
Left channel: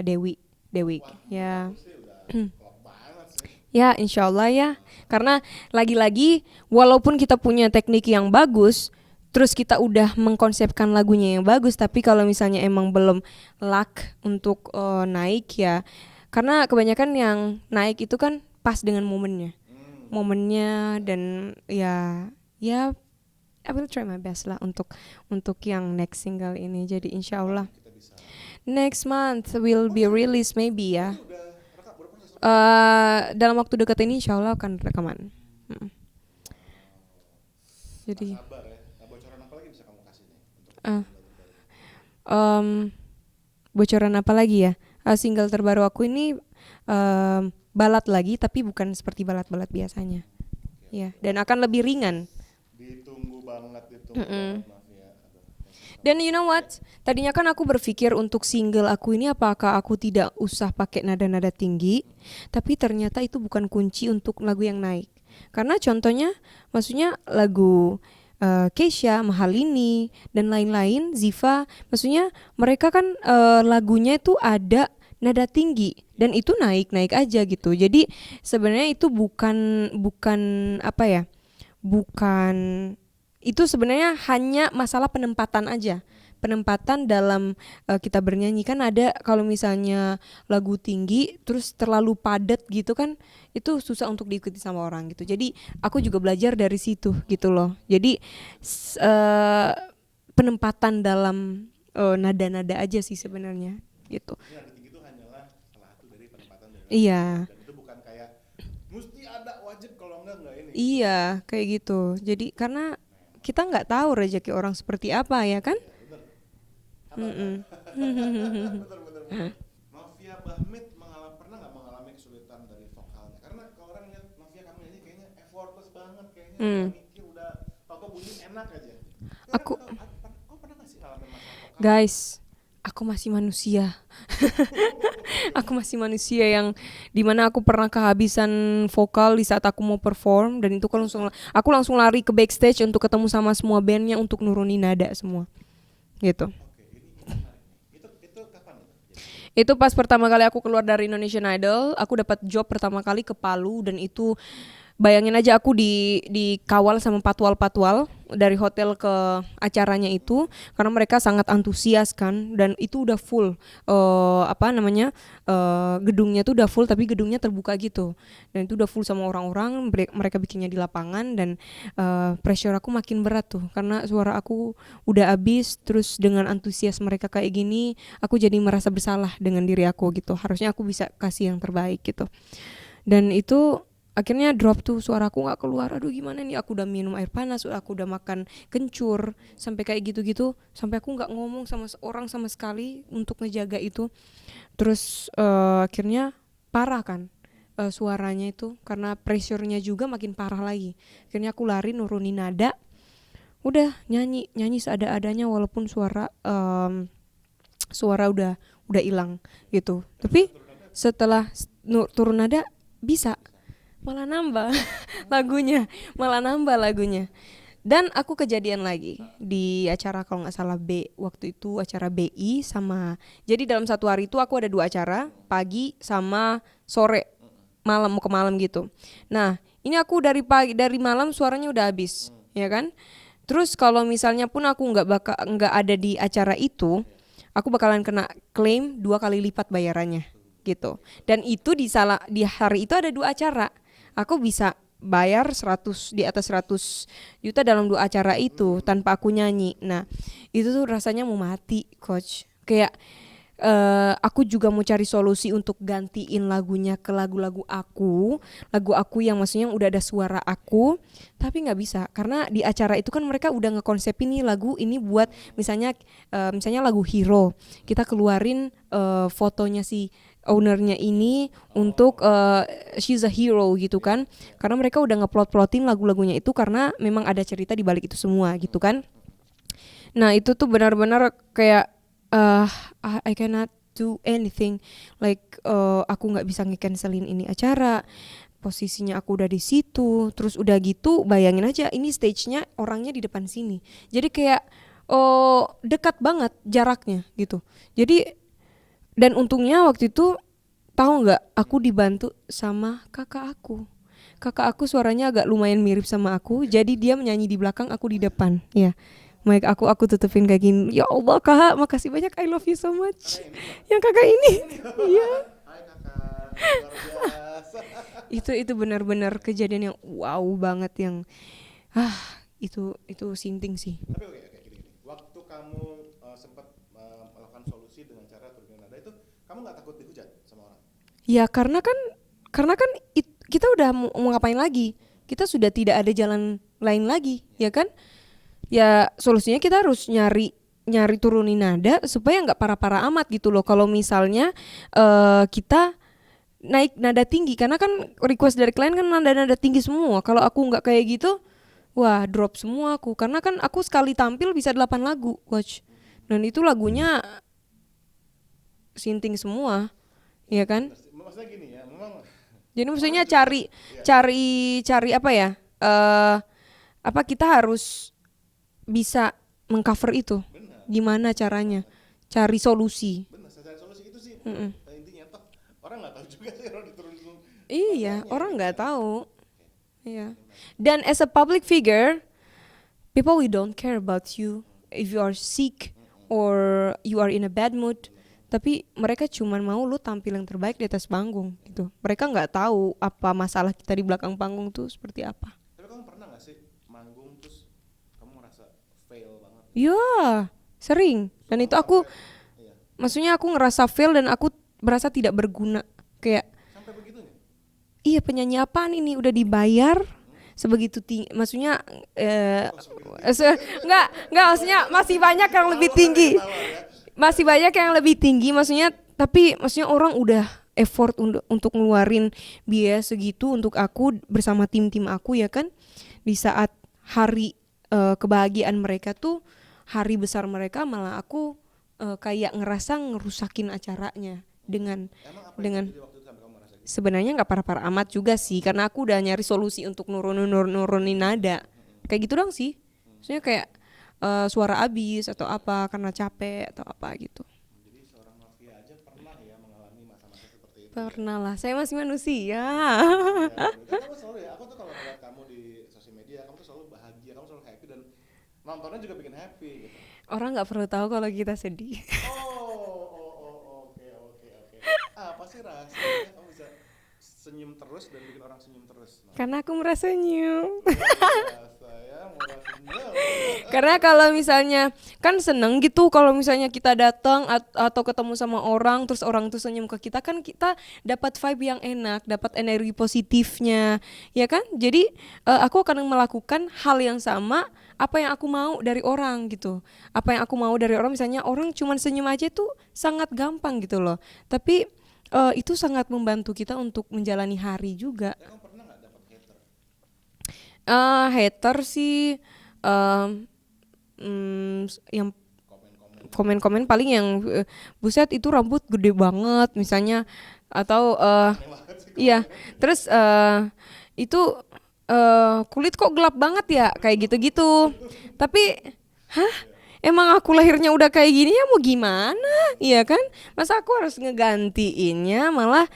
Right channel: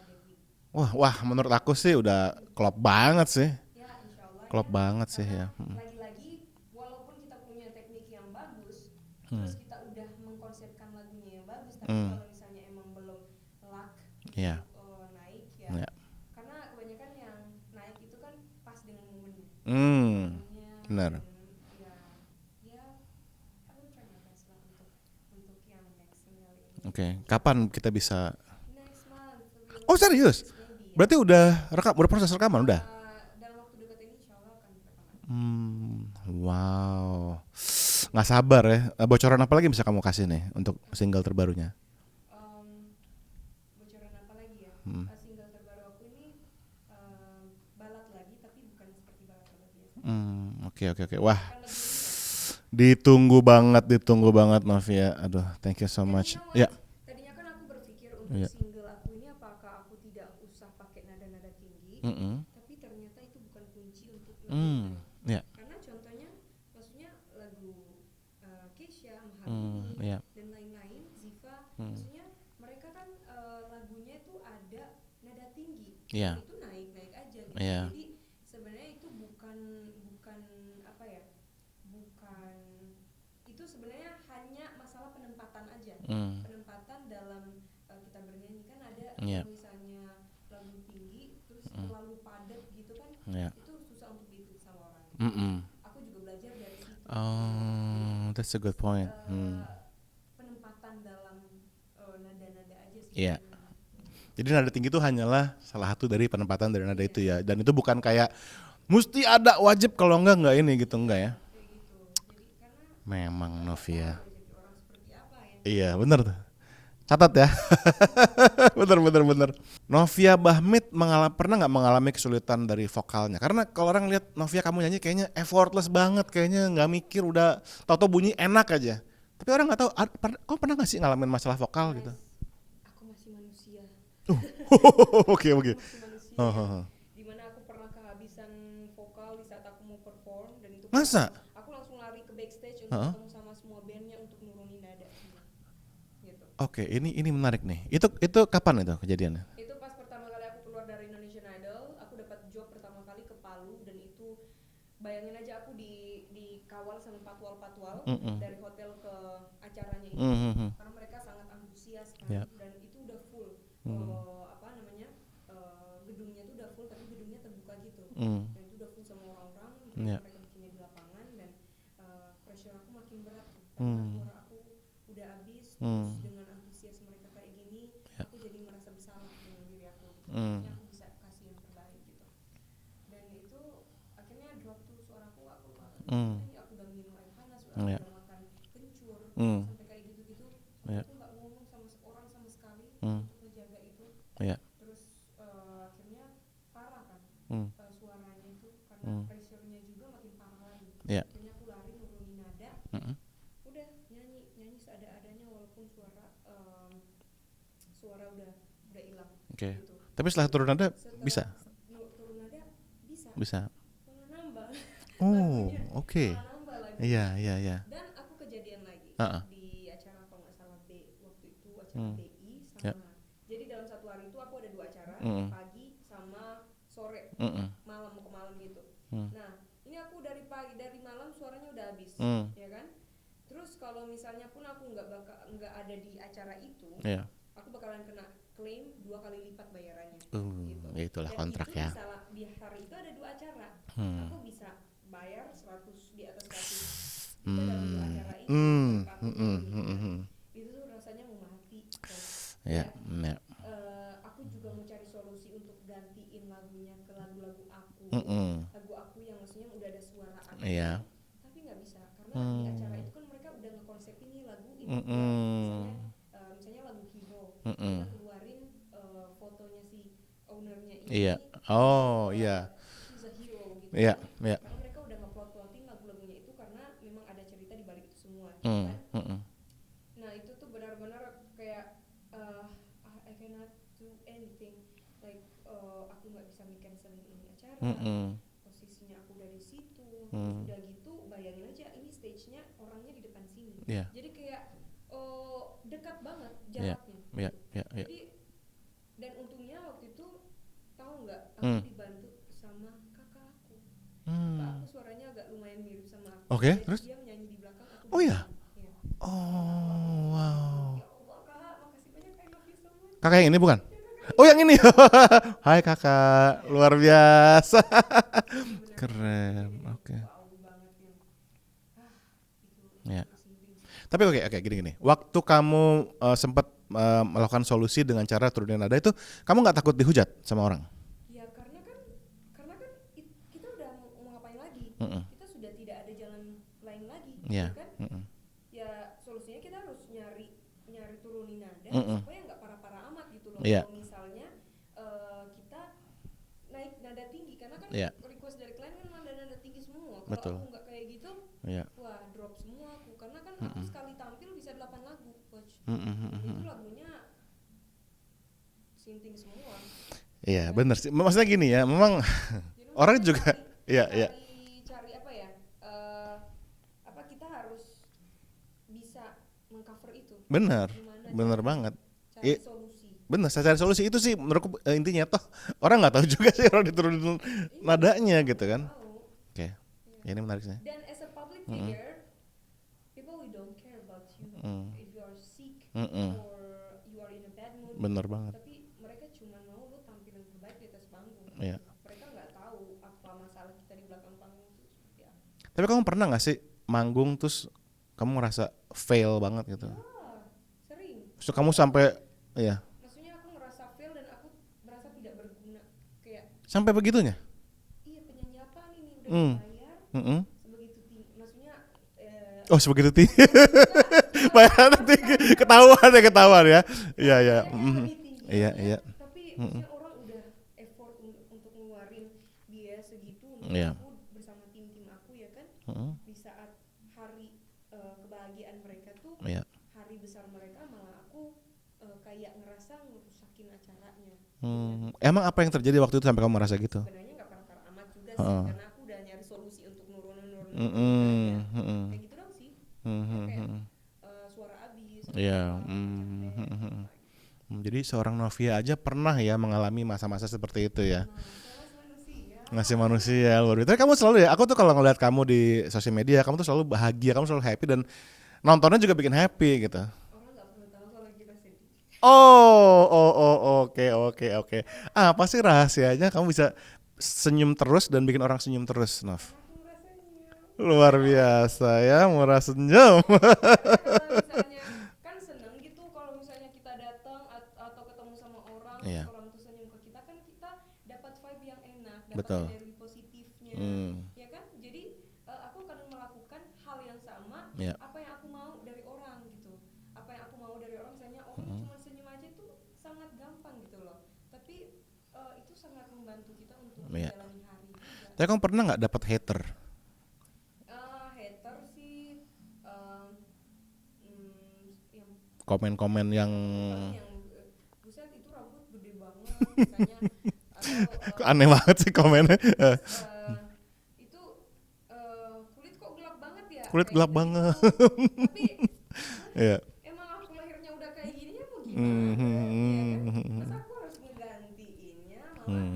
Dewi. Wah, menurut aku sih udah klop banget sih. Ya, insyaallah ya. Banget karena sih, lagi-lagi walaupun kita punya teknik yang bagus, terus kita udah mengkonsepkan lagunya yang bagus, tapi kalau misalnya emang belum luck untuk naik ya. Karena kebanyakan yang naik itu kan pas dengan momennya. Momennya benar. Dan ya I will try my best lah untuk yang next single ini. Jadi insyaallah kapan kita bisa? Next month will be release maybe ya. Berarti udah proses rekaman udah? Dalam waktu dekat ini insyaallah akan rekaman. Wow. Nggak sabar ya. Bocoran apa lagi bisa kamu kasih nih untuk single terbarunya? Bocoran apa lagi ya? Single terbaru aku ini balad lagi, tapi bukan seperti balad-balad biasanya. Oke. Dan akan lebih ringan. Ditunggu banget Novia. Aduh, thank you so much. Dan you know what? Tadinya kan aku berpikir untuk single aku ini apakah aku tidak usah pakai nada-nada tinggi, tapi ternyata itu bukan kunci untuk lagu yang naik. Karena contohnya, maksudnya lagu Keisha, Mahalini dan lain-lain, Ziva, maksudnya mereka kan lagunya itu ada nada tinggi dan itu naik aja gitu. Jadi sebenarnya itu bukan apa ya? Bukan itu sebenarnya hanya masalah penempatan aja. Penempatan dalam kita bernyanyi kan ada kalau misalnya lagu tinggi terus terlalu padat gitu kan, itu susah untuk diikuti sama orang gitu. Jadi aku juga belajar dari situ gitu loh. Jadi That's a good point. penempatan dalam nada-nada aja sih sebenarnya gitu. Jadi nada tinggi itu hanyalah salah satu dari penempatan dari nada Iya. itu ya. Dan itu bukan kayak mesti ada wajib, kalau enggak ini gitu. Iya, kayak gitu. Jadi karena Memang kita nggak Novia. tahu rezeki orang seperti apa ya kan? Iya bener tuh. Catat ya. bener. Novia Bahmit pernah nggak mengalami kesulitan dari vokalnya? Karena kalau orang lihat Novia kamu nyanyi kayaknya effortless banget, kayaknya nggak mikir, udah tau-tau bunyi enak aja. Tapi orang nggak tahu. Kau pernah nggak sih ngalamin masalah vokal? Guys, aku masih manusia. Oke. Aku masih manusia yang dimana aku pernah kehabisan vokal di saat aku mau perform, dan itu aku langsung lari ke backstage untuk ketemu sama semua bandnya untuk nurunin nada semua. Gitu. Oke, ini menarik nih. Itu kapan itu kejadiannya? Itu pas pertama kali aku keluar dari Indonesian Idol, aku dapat job pertama kali ke Palu, dan itu bayangin aja aku dikawal sama patwal-patwal dari hotel ke acaranya itu, karena mereka sangat antusias kan, dan itu udah full gedungnya tuh udah full, tapi gedungnya terbuka gitu, dan itu udah full sama orang-orang, mereka bikinnya di lapangan, dan pressure aku makin berat tuh karena suara aku udah habis, terus dengan antusias mereka kayak gini, aku jadi merasa bersalah dengan diri aku gitu, harusnya aku bisa kasih yang terbaik gitu, dan itu akhirnya drop tuh, suaraku nggak keluar. Aduh gimana nih, aku udah minum air panas, aku udah makan kencur, sampai kayak gitu-gitu, sampai aku nggak ngomong sama seorang sama sekali untuk ngejaga itu. Terus akhirnya parah kan suaranya itu, karena pressure-nya juga makin parah lagi. Akhirnya aku lari nurunin nada, udah nyanyi seada-adanya, walaupun suara udah hilang gitu. Tapi setelah turun nada bisa. Malah nambah lagunya, Iya. Dan aku kejadian lagi di acara, kalau nggak salah waktu itu acara BI sama. Jadi dalam satu hari itu aku ada 2 acara, pagi sama sore, malam mau ke malam gitu. Nah ini aku dari malam suaranya udah habis, ya kan. Terus kalau misalnya pun aku nggak ada di acara itu, aku bakalan kena klaim 2 kali lipat bayarannya gitu. Dan itu di hari itu ada 2 acara. Aku bisa bayar di atas 100 juta dalam 2 acara itu tanpa aku nyanyi. Nah, itu tuh rasanya mau mati, coach. Kayak aku juga mau cari solusi untuk gantiin lagunya ke lagu-lagu aku, lagu aku yang maksudnya udah ada suara aku, tapi nggak bisa karena di acara itu kan mereka udah ngekonsepin nih lagu ini buat misalnya lagu Hero, kita keluarin fotonya si ownernya ini untuk she's a hero gitu kan, karena mereka udah ngeplot-plotin lagu-lagunya itu karena memang ada cerita di balik itu semua gitu kan. Nah itu tuh benar-benar kayak I cannot do anything, like aku nggak bisa nge-cancelin ini acara, posisinya aku udah di situ, terus udah gitu bayangin aja ini stage-nya orangnya di depan sini, jadi kayak dekat banget jaraknya gitu. Jadi dan untungnya waktu itu tahu nggak, aku dibantu sama kakak aku. Kakak aku suaranya agak lumayan mirip sama aku, jadi dia menyanyi di belakang, aku di depan. Ya, mic aku tutupin kayak gini. Ya Allah kak, makasih banyak, I love you so much. Kakak yang ini bukan? Yang kakak ini. Oh yang ini. Hai kakak, luar biasa. itu benar-benar kejadian yang wow banget, yang itu sinting sih. Tapi oke gini. Waktu kamu sempat melakukan solusi dengan cara turunin nada itu, kamu nggak takut dihujat sama orang? Ya karena kan kita udah mau ngapain lagi? Kita sudah tidak ada jalan lain lagi, ya kan? Ya solusinya kita harus nyari turunin nada supaya nggak parah-parah amat gitu loh. Kalau misalnya kita naik nada tinggi, karena kan request dari klien kan nada tinggi semua. Kalau aku nggak kayak gitu, wah drop semua aku, karena kan aku sekali tampil bisa 8 lagu, coach. Dan itu lagunya sinting semua. Iya kan? Bener sih. Maksudnya gini ya, memang. Jadi maksudnya cari apa ya? Kita harus bisa mengcover itu. Bener. Gimana caranya? Banget. Cari solusi. Bener, saya cari solusi itu sih menurutku intinya, toh orang nggak tahu juga sih orang diturunin nadanya orang gitu gak kan. tahu. Oke. Ini menariknya. Dan as a public figure, people will don't care about you if you are sick or you are in a bad mood. Bener banget. Tapi mereka cuman mau lu tampil yang terbaik di atas panggung Iya. gitu. Mereka nggak tahu apa masalah kita di belakang panggung tuh seperti apa. Tapi kamu pernah gak sih manggung terus kamu ngerasa fail banget gitu? Ya, sering. Terus Dan kamu itu aku, sampai iya, maksudnya aku ngerasa fail dan aku merasa tidak berguna. Kayak, sampai begitunya? iya penyanyi apaan ini udah dibayar sebegitu tinggi. Maksudnya, Oh sebegitu tinggi. enggak, maksudnya masih banyak yang lebih tinggi. Ketahuan ya. Masih Iya, banyak iya. yang lebih tinggi, Iya, maksudnya. iya. Tapi maksudnya orang udah effort untuk ngeluarin biaya segitu untuk Iya. aku bersama tim-tim aku ya kan. Di saat hari kebahagiaan mereka tuh, Iya. hari besar mereka, malah aku kayak ngerasa ngerusakin acaranya dengan. Emang apa yang dengan- terjadi waktu itu sampai kamu merasa gitu? Sebenarnya nggak parah-parah amat juga sih, karena aku udah nyari solusi untuk nurunin nada. Kayak gitu dong sih. Maksudnya kayak suara abis atau Iya. apa karena capek atau apa gitu. Jadi seorang Novia aja pernah ya mengalami masa-masa seperti itu ya. Pernah lah, saya masih manusia. Masih manusia. Waduh. Tapi kamu selalu ya, aku tuh kalau ngeliat kamu di sosial media, kamu tuh selalu bahagia, kamu selalu happy dan nontonnya juga bikin happy gitu. Orang nggak perlu tahu kalau kita sedih. Oke. Apa sih rahasianya kamu bisa senyum terus dan bikin orang senyum terus, Nov? Karena aku merasa senyum. Luar biasa ya, murah senyum. Karena kalau misalnya kan seneng gitu kalau misalnya kita datang atau ketemu sama orang terus orang tuh senyum ke kita, kan kita dapat vibe yang enak, dapat Betul. energi positifnya, ya kan? Jadi aku akan melakukan hal yang sama apa yang aku mau dari orang gitu. Apa yang aku mau dari orang, misalnya orang cuman senyum aja tuh sangat gampang gitu loh. Tapi itu sangat membantu kita untuk menjalani hari juga. Tapi kamu pernah nggak dapat hater? Hater sih yang Komen-komen yang komen-komen paling yang buset itu rambut gede banget misalnya atau aneh banget sih komennya. iya, terus itu kulit kok gelap banget ya, Kulit kayak gelap gitu-gitu. Tapi Iya. emang aku lahirnya udah kayak gini ya mau gimana, iya kan? Masa aku harus ngegantiinnya, malah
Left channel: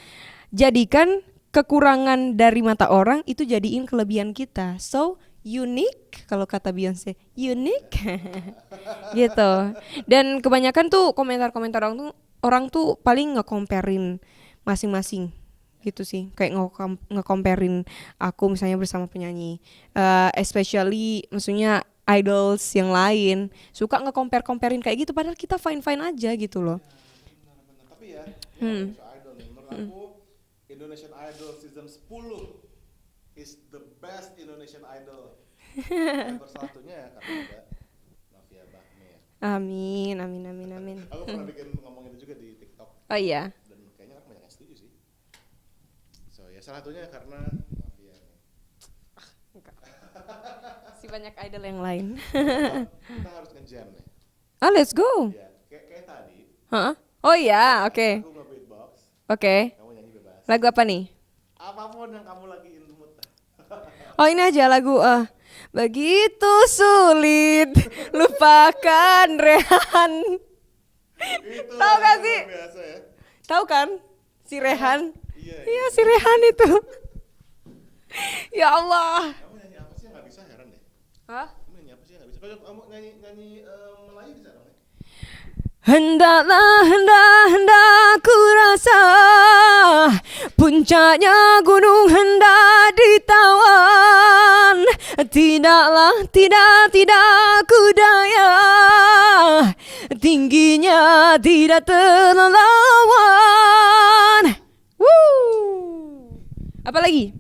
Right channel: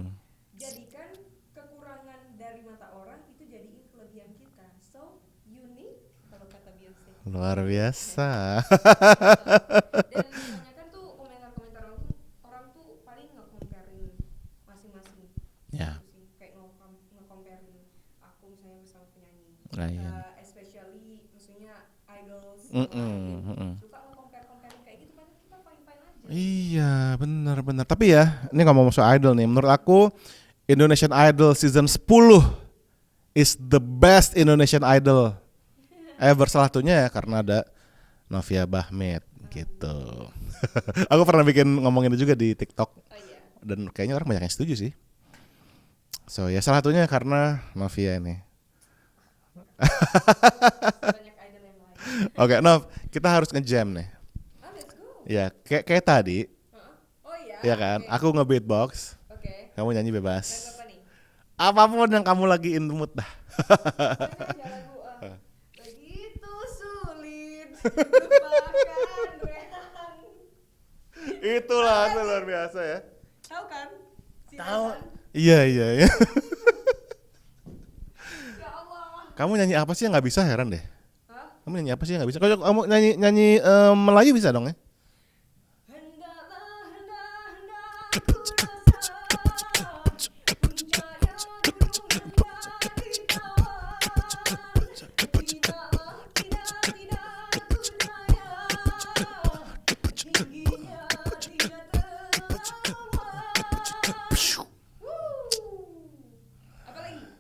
jadikan kekurangan dari mata orang itu jadiin kelebihan kita. So unique kalau kata Beyonce. Luar Unique. biasa. Gitu. Dan kebanyakan tuh komentar-komentar orang tuh paling nge-comparein masing-masing. Ya. Gitu sih, kayak nge-comparein aku misalnya bersama penyanyi. Nah, Especially maksudnya idols yang lain suka nge-comparein kayak gitu, padahal kita fine-fine aja gitu loh. Iya, benar. Tapi ya, ini ngomong soal idol nih, menurut aku Indonesian Idol season 10 is the best Indonesian Idol ever. Salah satunya ya karena ada Novia Bahmet. Amin, Gitu. amin. Aku pernah bikin ngomongin itu juga di TikTok Oh iya. dan kayaknya orang banyak yang setuju sih. So ya salah satunya karena Novia ini. Banyak idol yang lain. Oke, Nov, kita harus nge-jam nih. Let's go. Ya, kayak tadi. Hah? Oh iya, Ya kan? oke. Aku nge-beatbox, Oke. kamu nyanyi bebas. Lagu apa nih? Apapun yang kamu lagi in the mood dah. Oh ini aja lagu begitu sulit lupakan Rehan. Itu Tahu gak lagu sih? luar biasa ya. Tahu kan si Rehan? Iya. Si Rehan itu. Ya Allah. Kamu nyanyi apa sih yang nggak bisa, heran deh. Hah? Kamu nyanyi apa sih yang nggak bisa? Kalau kamu nyanyi Melayu bisa dong ya? Hendaklah hendak ku rasa puncaknya gunung hendak ditawan. Tidak ku daya, tingginya tidak terlawan. Apa lagi?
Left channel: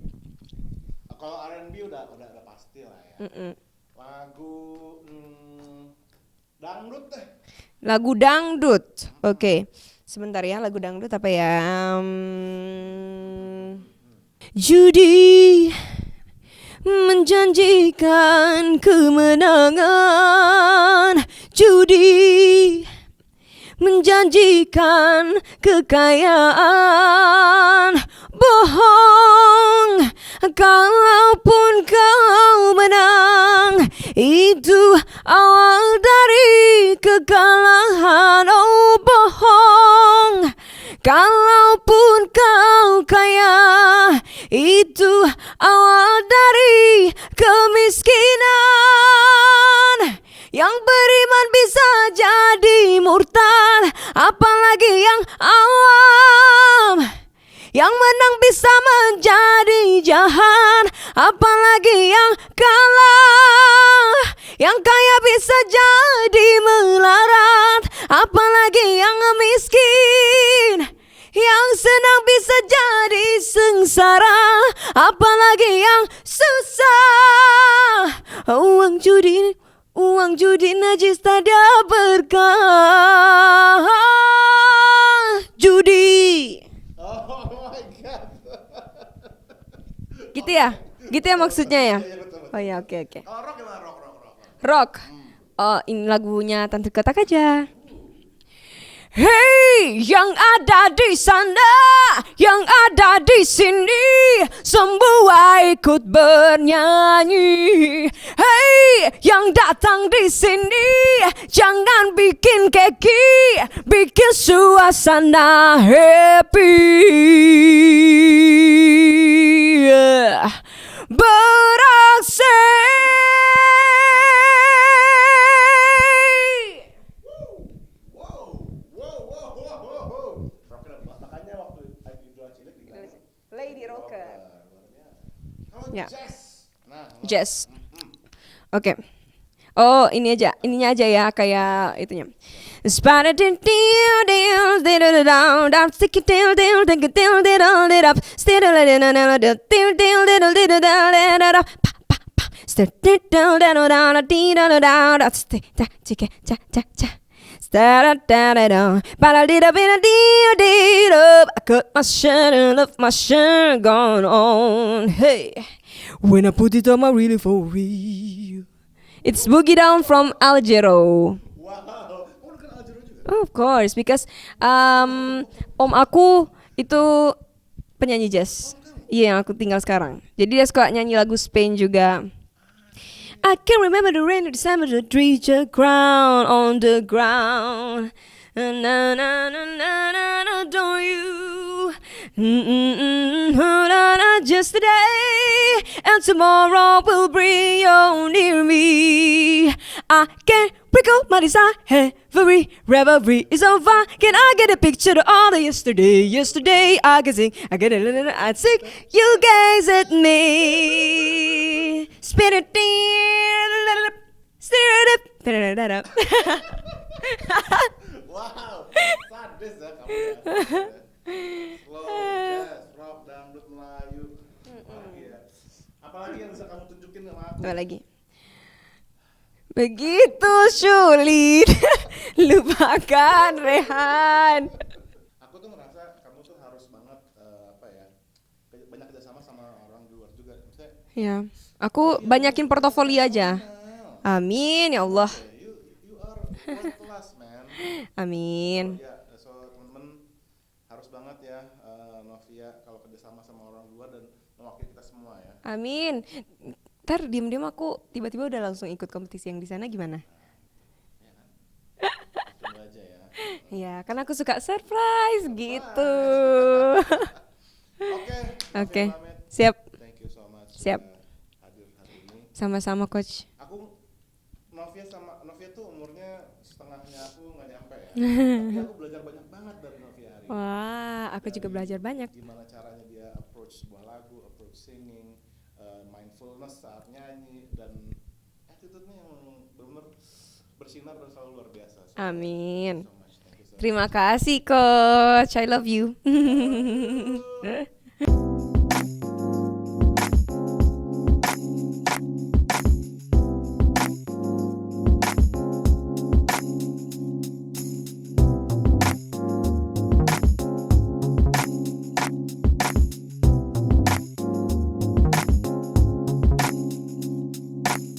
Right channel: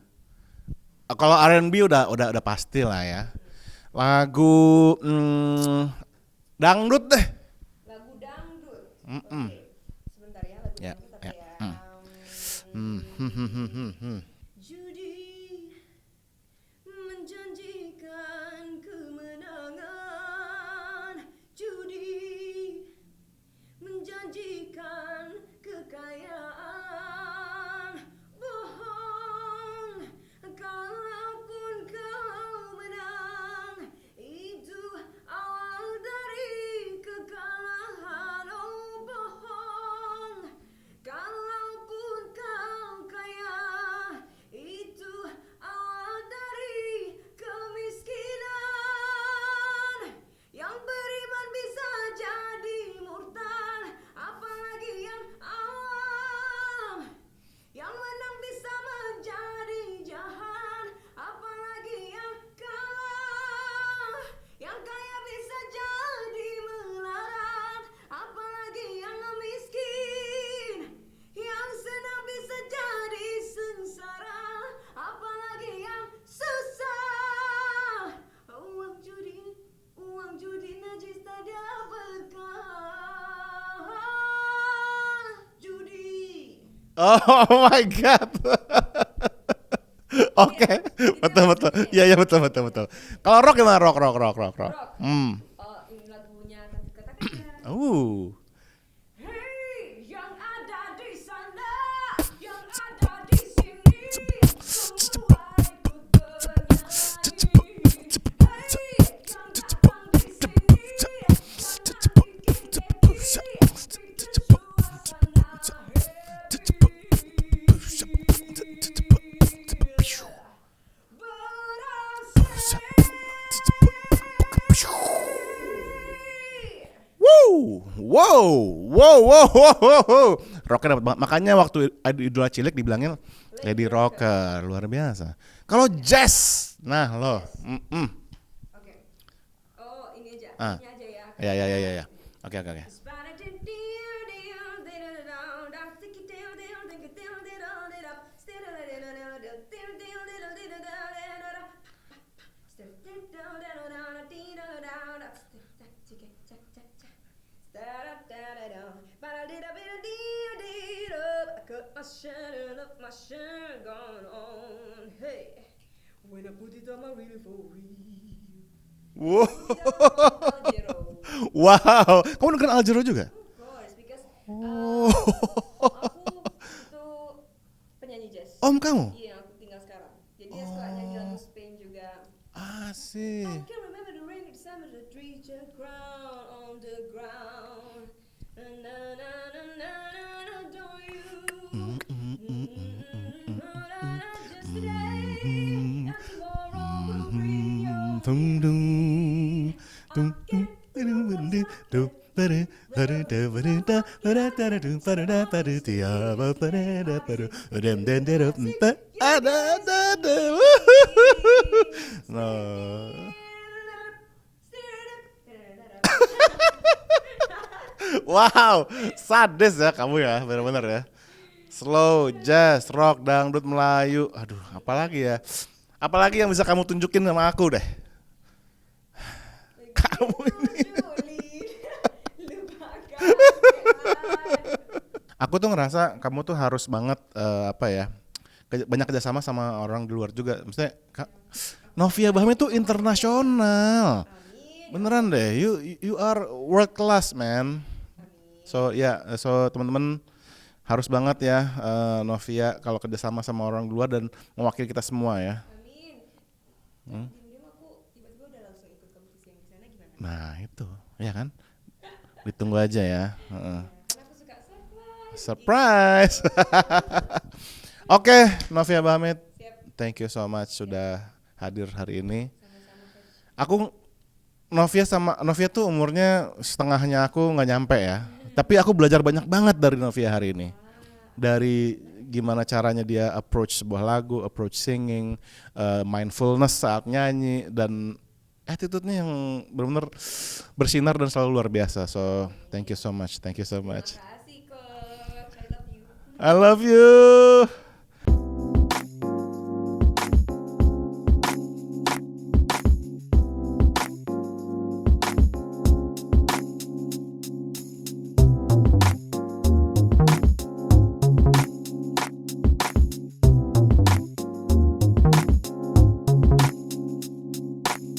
Kalau R&B udah pasti lah ya. Lagu dangdut deh. Lagu dangdut. Oke. Sebentar ya, lagu dangdut apa ya? Judi menjanjikan kemenangan, judi menjanjikan kekayaan, bohong kalaupun kau menang, itu awal dari kekalahan. Oh bohong kalaupun kau kaya, itu awal dari kemiskinan. bisa jadi murtad, apalagi yang awam. Yang menang bisa menjadi jahat, apalagi yang kalah. Yang kaya bisa jadi melarat, apalagi yang miskin. Yang senang bisa jadi sengsara, apalagi yang susah. Uang judi najis tak ada berkah. Judi. Oh my god. Gitu ya? Gitu ya maksudnya ya? Iya betul. Oh, ya, okay. Kalau rock gimana? Rock. Rock. Oh, ini lagunya Tante Kotak aja. Hey, yang ada di sana, yang ada di sini, semua ikut bernyanyi. Hey, yang datang di sini, jangan bikin keki, bikin suasana happy. Beraksi. Wow. Rocker dapat banget. Makanya waktu Idola Cilik dibilangin Lady Rocker, luar biasa. Kalau jazz, jazz. Oke. Oh, ini aja, ininya aja ya, kayak itunya. Oke. I cut my shirt and left my shirt gone on. Hey, when I put it on, I really for real. It's Boogie Down from Al Jarreau. Wow, kamu dengerin Al Jarreau juga? Of course, because om aku itu penyanyi jazz. Om kamu? Iya, yang aku tinggal sekarang. Jadi dia suka nyanyi lagu Spain juga. I can remember the rain of December, the trees are crown on the ground. Na na na na na na, don't you? Just today and tomorrow will bring you near me. I can recall my desire, every revelry is over. Can I get a picture of all the yesterday? Yesterday I can sing, I get a little, I sing. You gaze at me, spirit. Wow, sadis ya kamu ya, benar-benar ya. Slow, jazz, rock, dangdut, Melayu. Aduh, apalagi ya? Apalagi yang bisa kamu tunjukin sama aku deh? Begitu sulit. Lupakan, Rehan. Aku tuh ngerasa kamu tuh harus banget banyak kerjasama sama orang di luar juga. Maksudnya ya, aku Novia banyakin portofolio aja. Amin ya Allah. Deh, you are world class man. Amin. So teman-teman harus banget ya Novia kalau kerjasama sama orang di luar dan mewakili kita semua ya. Amin. Ntar diem-diem aku tiba-tiba udah langsung ikut kompetisi yang di sana gimana? Nah itu, ya kan? Ditunggu aja ya. Iya, karena aku suka surprise. Gitu. Oke, Novia Bahamid. Siap. Thank you so much sudah hadir hari ini. Sama-sama coach. Novia tuh umurnya setengahnya aku nggak nyampe ya. Tapi aku belajar banyak banget dari Novia hari ini. Wah, aku dari juga belajar banyak. Gimana caranya dia approach sebuah lagu, approach singing, mindfulness saat nyanyi dan attitude-nya yang benar-benar bersinar dan selalu luar biasa. So Amin. thank you so much. Terima kasih coach. I love you. I love you.